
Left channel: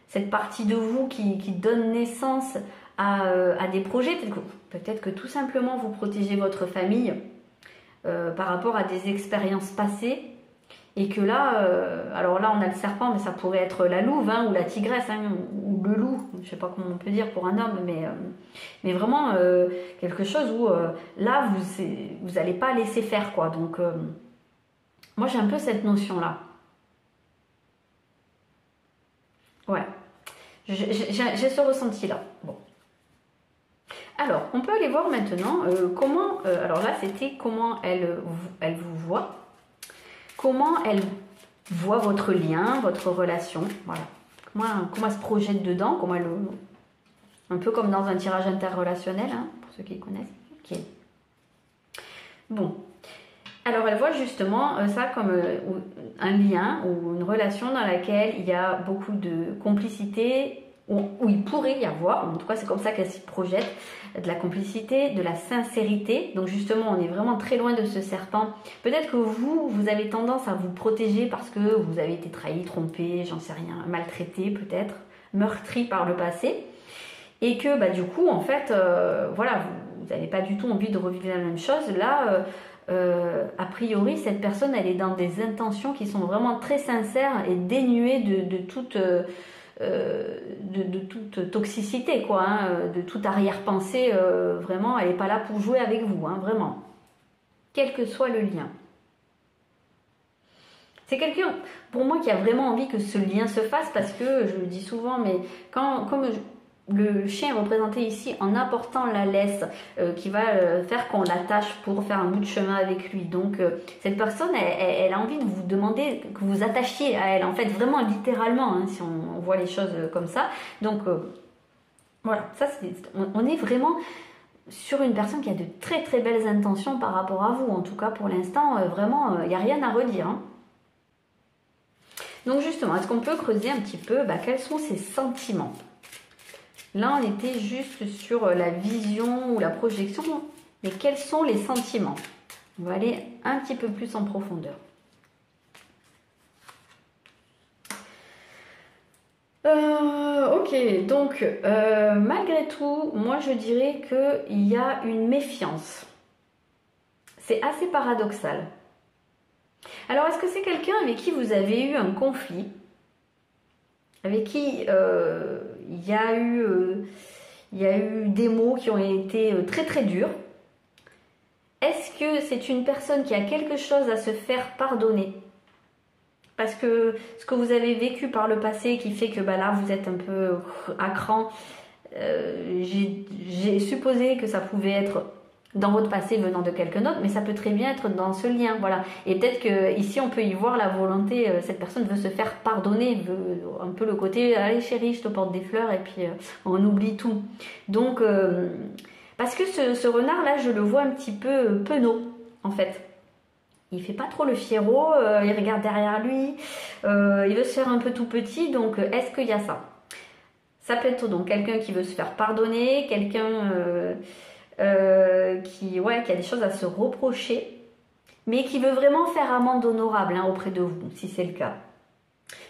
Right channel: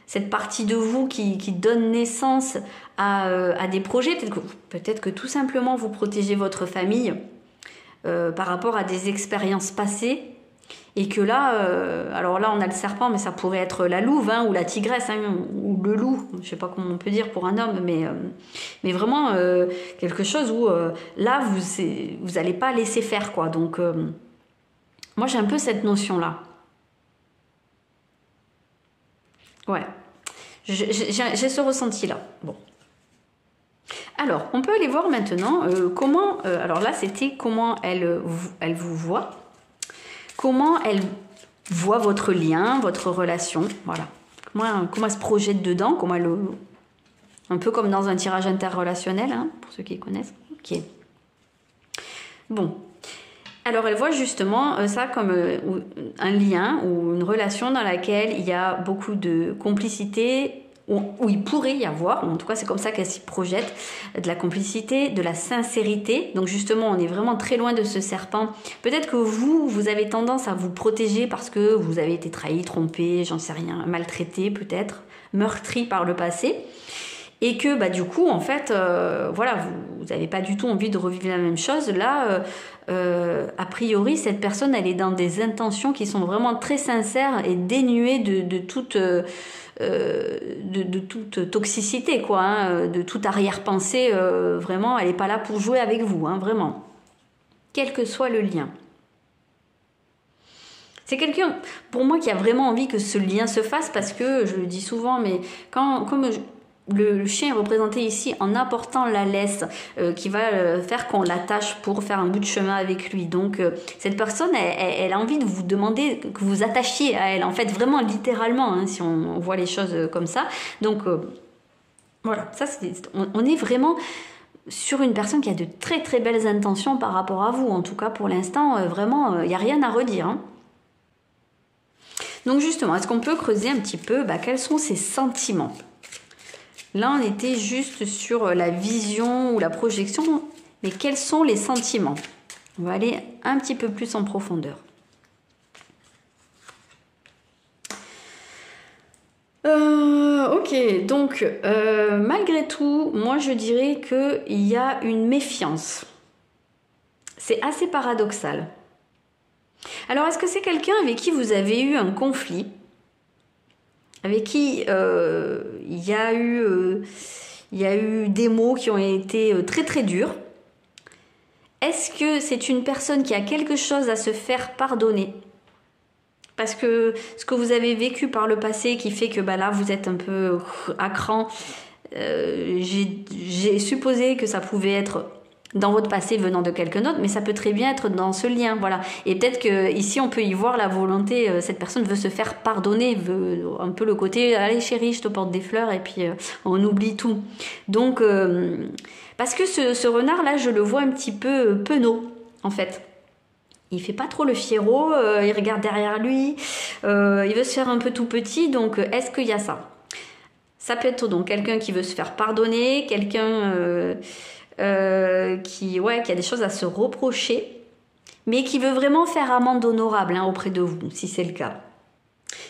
cette partie de vous qui donne naissance à des projets. Peut-être que tout simplement, vous protégez votre famille par rapport à des expériences passées. Et que là, alors là on a le serpent, mais ça pourrait être la louve ou la tigresse ou le loup, je sais pas comment on peut dire pour un homme, mais vraiment quelque chose où là vous n'allez pas laisser faire quoi. Donc moi j'ai un peu cette notion là. Ouais, j'ai ce ressenti là. Bon. Alors on peut aller voir maintenant comment. Alors là c'était comment elle vous voit. Comment elle voit votre lien, votre relation, voilà. Comment elle se projette dedans, comment elle... Un peu comme dans un tirage interrelationnel, pour ceux qui connaissent. Ok. Bon. Alors elle voit justement ça comme un lien ou une relation dans laquelle il y a beaucoup de complicité, où il pourrait y avoir, en tout cas c'est comme ça qu'elle s'y projette, de la complicité, de la sincérité. Donc justement on est vraiment très loin de ce serpent. Peut-être que vous avez tendance à vous protéger parce que vous avez été trahi, trompé, j'en sais rien, maltraité peut-être, meurtri par le passé. Et que du coup en fait voilà, vous n'avez pas du tout envie de revivre la même chose. Là a priori cette personne elle est dans des intentions qui sont vraiment très sincères et dénuées de toute toxicité quoi, de toute arrière-pensée. Vraiment elle n'est pas là pour jouer avec vous, vraiment, quel que soit le lien. C'est quelqu'un pour moi qui a vraiment envie que ce lien se fasse, parce que je le dis souvent, mais le chien est représenté ici en apportant la laisse qui va faire qu'on l'attache pour faire un bout de chemin avec lui. Donc cette personne, elle a envie de vous demander que vous attachiez à elle, en fait, vraiment littéralement, si on voit les choses comme ça. Donc voilà, ça on est vraiment sur une personne qui a de très très belles intentions par rapport à vous. En tout cas pour l'instant, vraiment, il n'y a rien à redire. Donc justement, est-ce qu'on peut creuser un petit peu quels sont ses sentiments ? Là, on était juste sur la vision ou la projection, mais quels sont les sentiments? On va aller un petit peu plus en profondeur. Ok, donc malgré tout, moi je dirais qu'il y a une méfiance. C'est assez paradoxal. Alors, est-ce que c'est quelqu'un avec qui vous avez eu un conflit ? Avec qui il y a eu des mots qui ont été très très durs? Est-ce que c'est une personne qui a quelque chose à se faire pardonner? Parce que ce que vous avez vécu par le passé qui fait que là vous êtes un peu à cran, j'ai supposé que ça pouvait être dans votre passé venant de quelqu'un d'autre, mais ça peut très bien être dans ce lien, voilà. Et peut-être que ici on peut y voir la volonté, cette personne veut se faire pardonner, veut un peu le côté allez chérie, je te porte des fleurs et puis on oublie tout. Donc parce que ce renard là, je le vois un petit peu penaud en fait. Il fait pas trop le fiero, il regarde derrière lui, il veut se faire un peu tout petit. Donc est-ce qu'il y a ça? Ça peut être donc quelqu'un qui veut se faire pardonner, quelqu'un qui a des choses à se reprocher, mais qui veut vraiment faire amende honorable auprès de vous, si c'est le cas.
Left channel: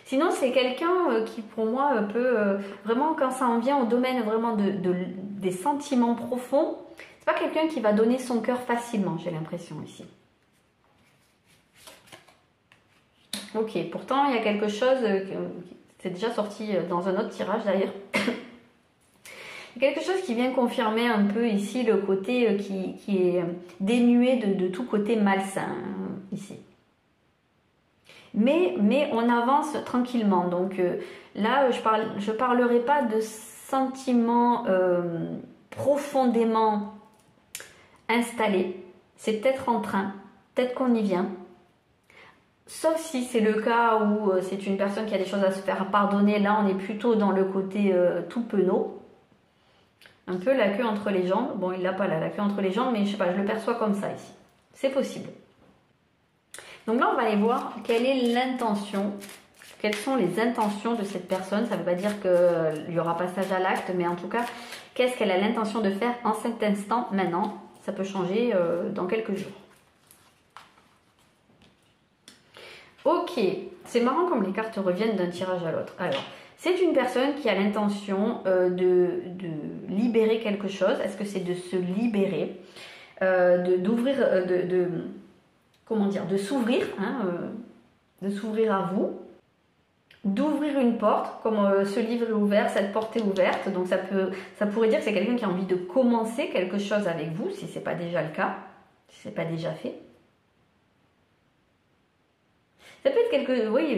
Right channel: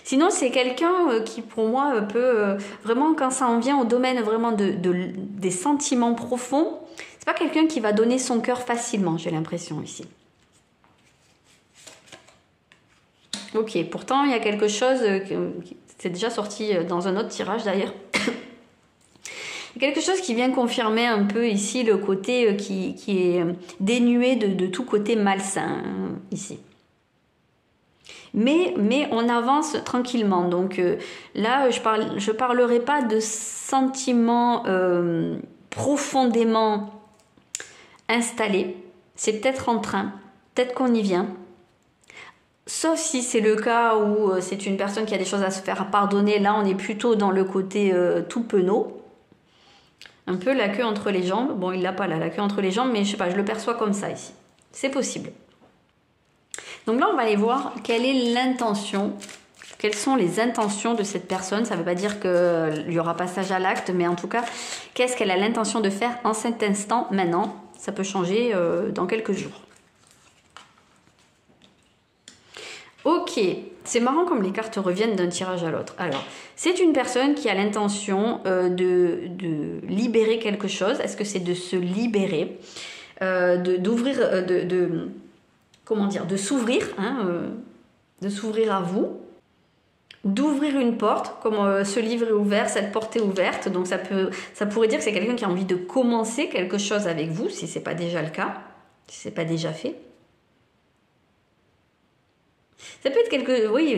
Sinon, c'est quelqu'un qui, pour moi, peut vraiment, quand ça en vient au domaine vraiment des sentiments profonds, c'est pas quelqu'un qui va donner son cœur facilement, j'ai l'impression ici. Ok, pourtant, il y a quelque chose, c'est déjà sorti dans un autre tirage d'ailleurs, quelque chose qui vient confirmer un peu ici le côté qui est dénué de tout côté malsain ici. Mais on avance tranquillement. Donc là, je parlerai pas de sentiments profondément installés. C'est peut-être en train, peut-être qu'on y vient. Sauf si c'est le cas où c'est une personne qui a des choses à se faire pardonner. Là, on est plutôt dans le côté tout penaud. Un peu la queue entre les jambes. Bon, il l'a pas là, la queue entre les jambes, mais je sais pas, je le perçois comme ça ici. C'est possible. Donc là, on va aller voir quelle est l'intention Quelles sont les intentions de cette personne? Ça ne veut pas dire qu'il y aura passage à l'acte, mais en tout cas, qu'est-ce qu'elle a l'intention de faire en cet instant, maintenant? Ça peut changer dans quelques jours. Ok, c'est marrant comme les cartes reviennent d'un tirage à l'autre. Alors, c'est une personne qui a l'intention de libérer quelque chose. Est-ce que c'est de se libérer, d'ouvrir, comment dire, de s'ouvrir, hein, de s'ouvrir à vous, d'ouvrir une porte, comme ce livre est ouvert, cette porte est ouverte. Donc ça pourrait dire que c'est quelqu'un qui a envie de commencer quelque chose avec vous, si ce n'est pas déjà le cas, si ce n'est pas déjà fait. Ça peut être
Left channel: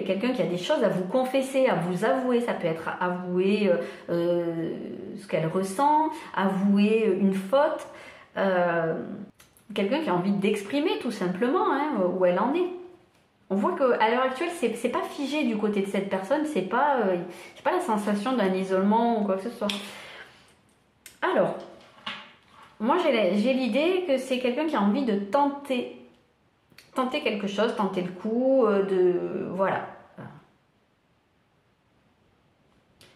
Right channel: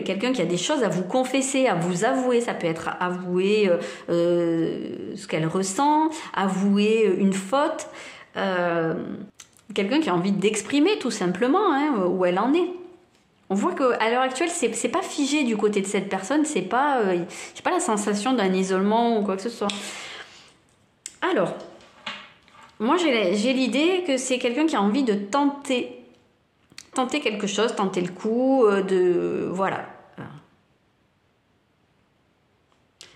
quelqu'un qui a des choses à vous confesser, à vous avouer. Ça peut être avouer ce qu'elle ressent, avouer une faute. Quelqu'un qui a envie d'exprimer tout simplement hein, où elle en est. On voit qu'à l'heure actuelle, c'est pas figé du côté de cette personne. C'est pas, j'ai pas la sensation d'un isolement ou quoi que ce soit. Alors, moi j'ai l'idée que c'est quelqu'un qui a envie de tenter quelque chose, tenter le coup, voilà.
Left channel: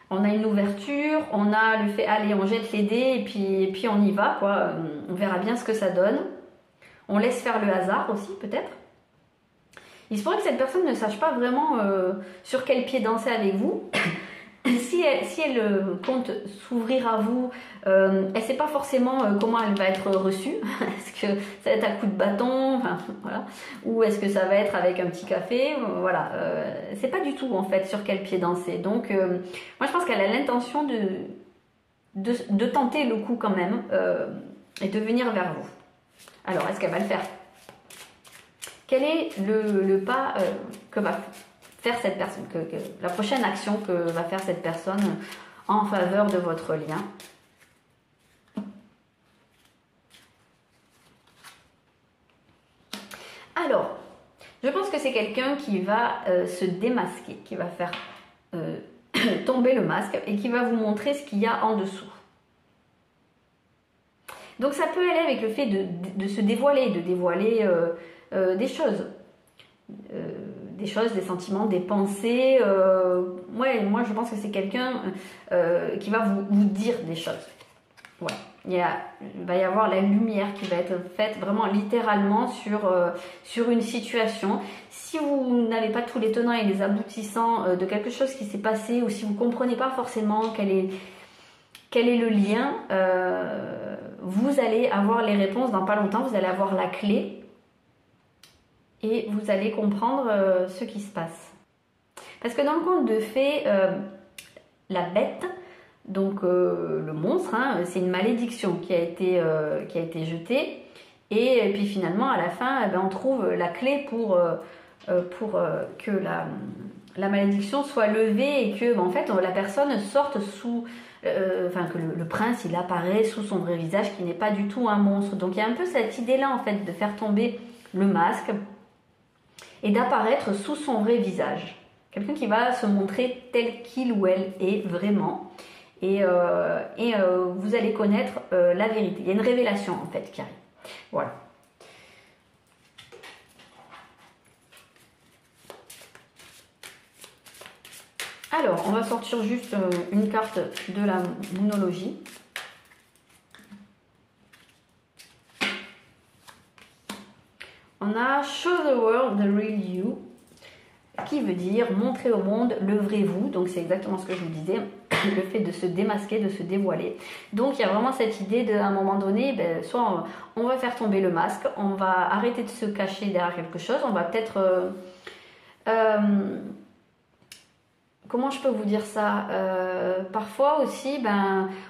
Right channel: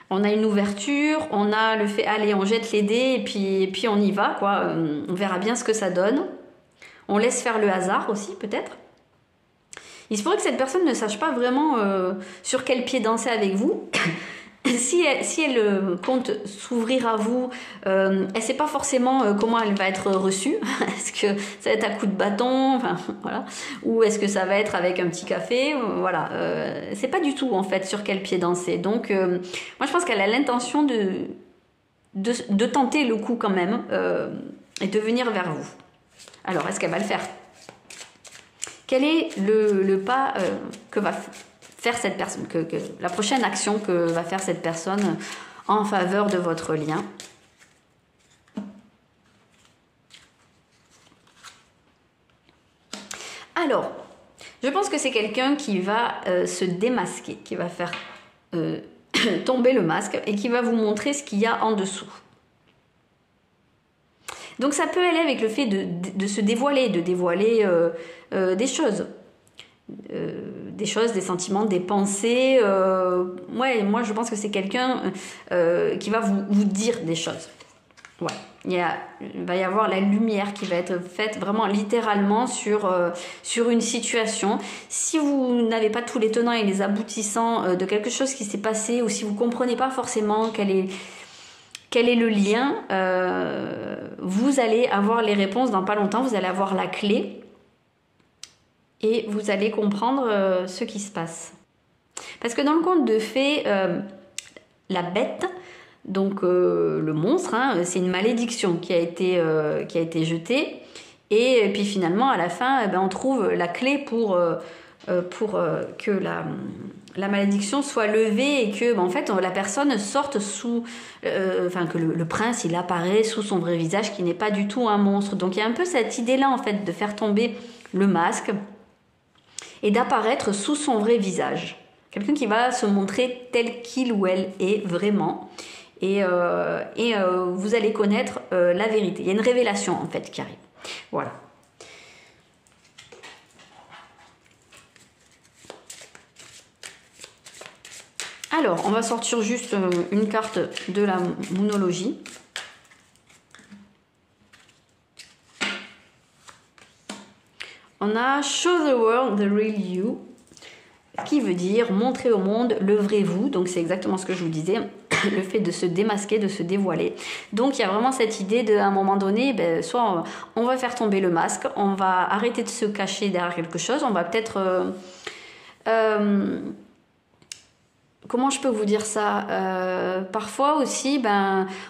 On a une ouverture, on a le fait, allez, on jette les dés et puis on y va, quoi. On verra bien ce que ça donne. On laisse faire le hasard aussi, peut-être. Il se pourrait que cette personne ne sache pas vraiment sur quel pied danser avec vous. Si elle compte s'ouvrir à vous, elle ne sait pas forcément comment elle va être reçue. Est-ce que ça va être à coup de bâton, enfin, voilà, ou est-ce que ça va être avec un petit café, voilà. C'est pas du tout en fait sur quel pied danser. Donc moi je pense qu'elle a l'intention de tenter le coup quand même et de venir vers vous. Alors est-ce qu'elle va le faire? Quel est le pas que va faire cette personne, la prochaine action que va faire cette personne en faveur de votre lien? Alors, je pense que c'est quelqu'un qui va se démasquer, qui va faire tomber le masque et qui va vous montrer ce qu'il y a en dessous. Donc ça peut aller avec le fait de se dévoiler, des choses. Des sentiments, des pensées. Ouais, moi je pense que c'est quelqu'un qui va vous dire des choses. Ouais. Il va y avoir la lumière qui va être faite vraiment littéralement sur une situation. Si vous n'avez pas tous les tenants et les aboutissants de quelque chose qui s'est passé, ou si vous ne comprenez pas forcément quel est le lien, vous allez avoir les réponses dans pas longtemps, vous allez avoir la clé. Et vous allez comprendre ce qui se passe. Parce que dans le conte de fées, la bête, donc le monstre, hein, c'est une malédiction qui a été jetée. Et puis finalement, à la fin, on trouve la clé pour que la malédiction soit levée et que en fait, la personne sorte sous... que le prince, il apparaît sous son vrai visage qui n'est pas du tout un monstre. Donc il y a un peu cette idée-là, en fait, de faire tomber le masque et d'apparaître sous son vrai visage. Quelqu'un qui va se montrer tel qu'il ou elle est vraiment. Et vous allez connaître la vérité. Il y a une révélation en fait qui arrive. Voilà. Alors, on va sortir juste une carte de la moonologie. On a Show the world the real you, qui veut dire montrer au monde le vrai vous. Donc c'est exactement ce que je vous disais, le fait de se démasquer, de se dévoiler. Donc il y a vraiment cette idée à un moment donné, soit on va faire tomber le masque, on va arrêter de se cacher derrière quelque chose, on va peut-être... comment je peux vous dire ça, parfois aussi,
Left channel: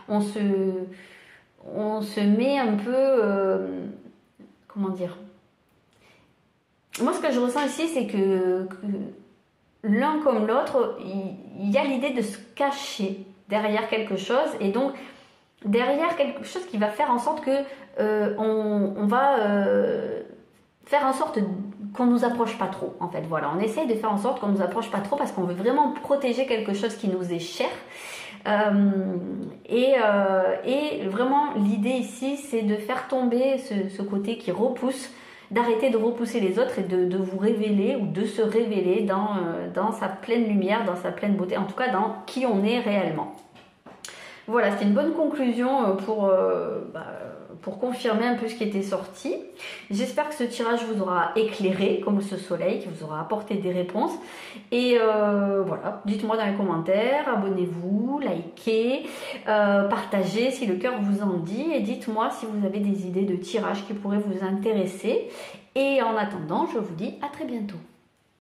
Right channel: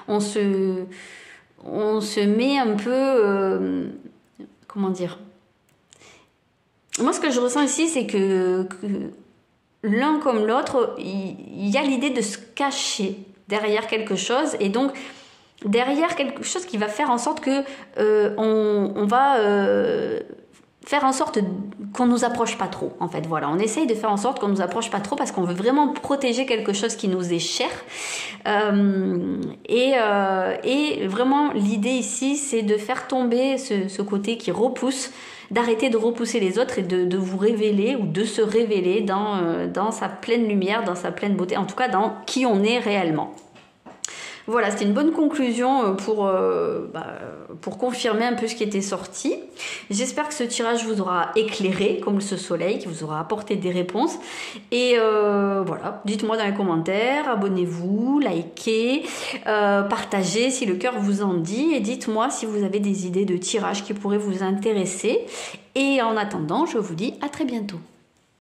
on se met un peu... comment dire? Moi, ce que je ressens ici, c'est que l'un comme l'autre, il y a l'idée de se cacher derrière quelque chose. Et donc, derrière quelque chose qui va faire en sorte que on va faire en sorte qu'on ne nous approche pas trop. En fait, voilà, on essaye de faire en sorte qu'on ne nous approche pas trop parce qu'on veut vraiment protéger quelque chose qui nous est cher. Et vraiment, l'idée ici, c'est de faire tomber ce côté qui repousse d'arrêter de repousser les autres et de vous révéler ou de se révéler dans sa pleine lumière, dans sa pleine beauté, en tout cas dans qui on est réellement. Voilà, c'était une bonne conclusion pour confirmer un peu ce qui était sorti. J'espère que ce tirage vous aura éclairé comme ce soleil, qui vous aura apporté des réponses. Et voilà, dites-moi dans les commentaires, abonnez-vous, likez, partagez si le cœur vous en dit. Et dites-moi si vous avez des idées de tirage qui pourraient vous intéresser. Et en attendant, je vous dis à très bientôt.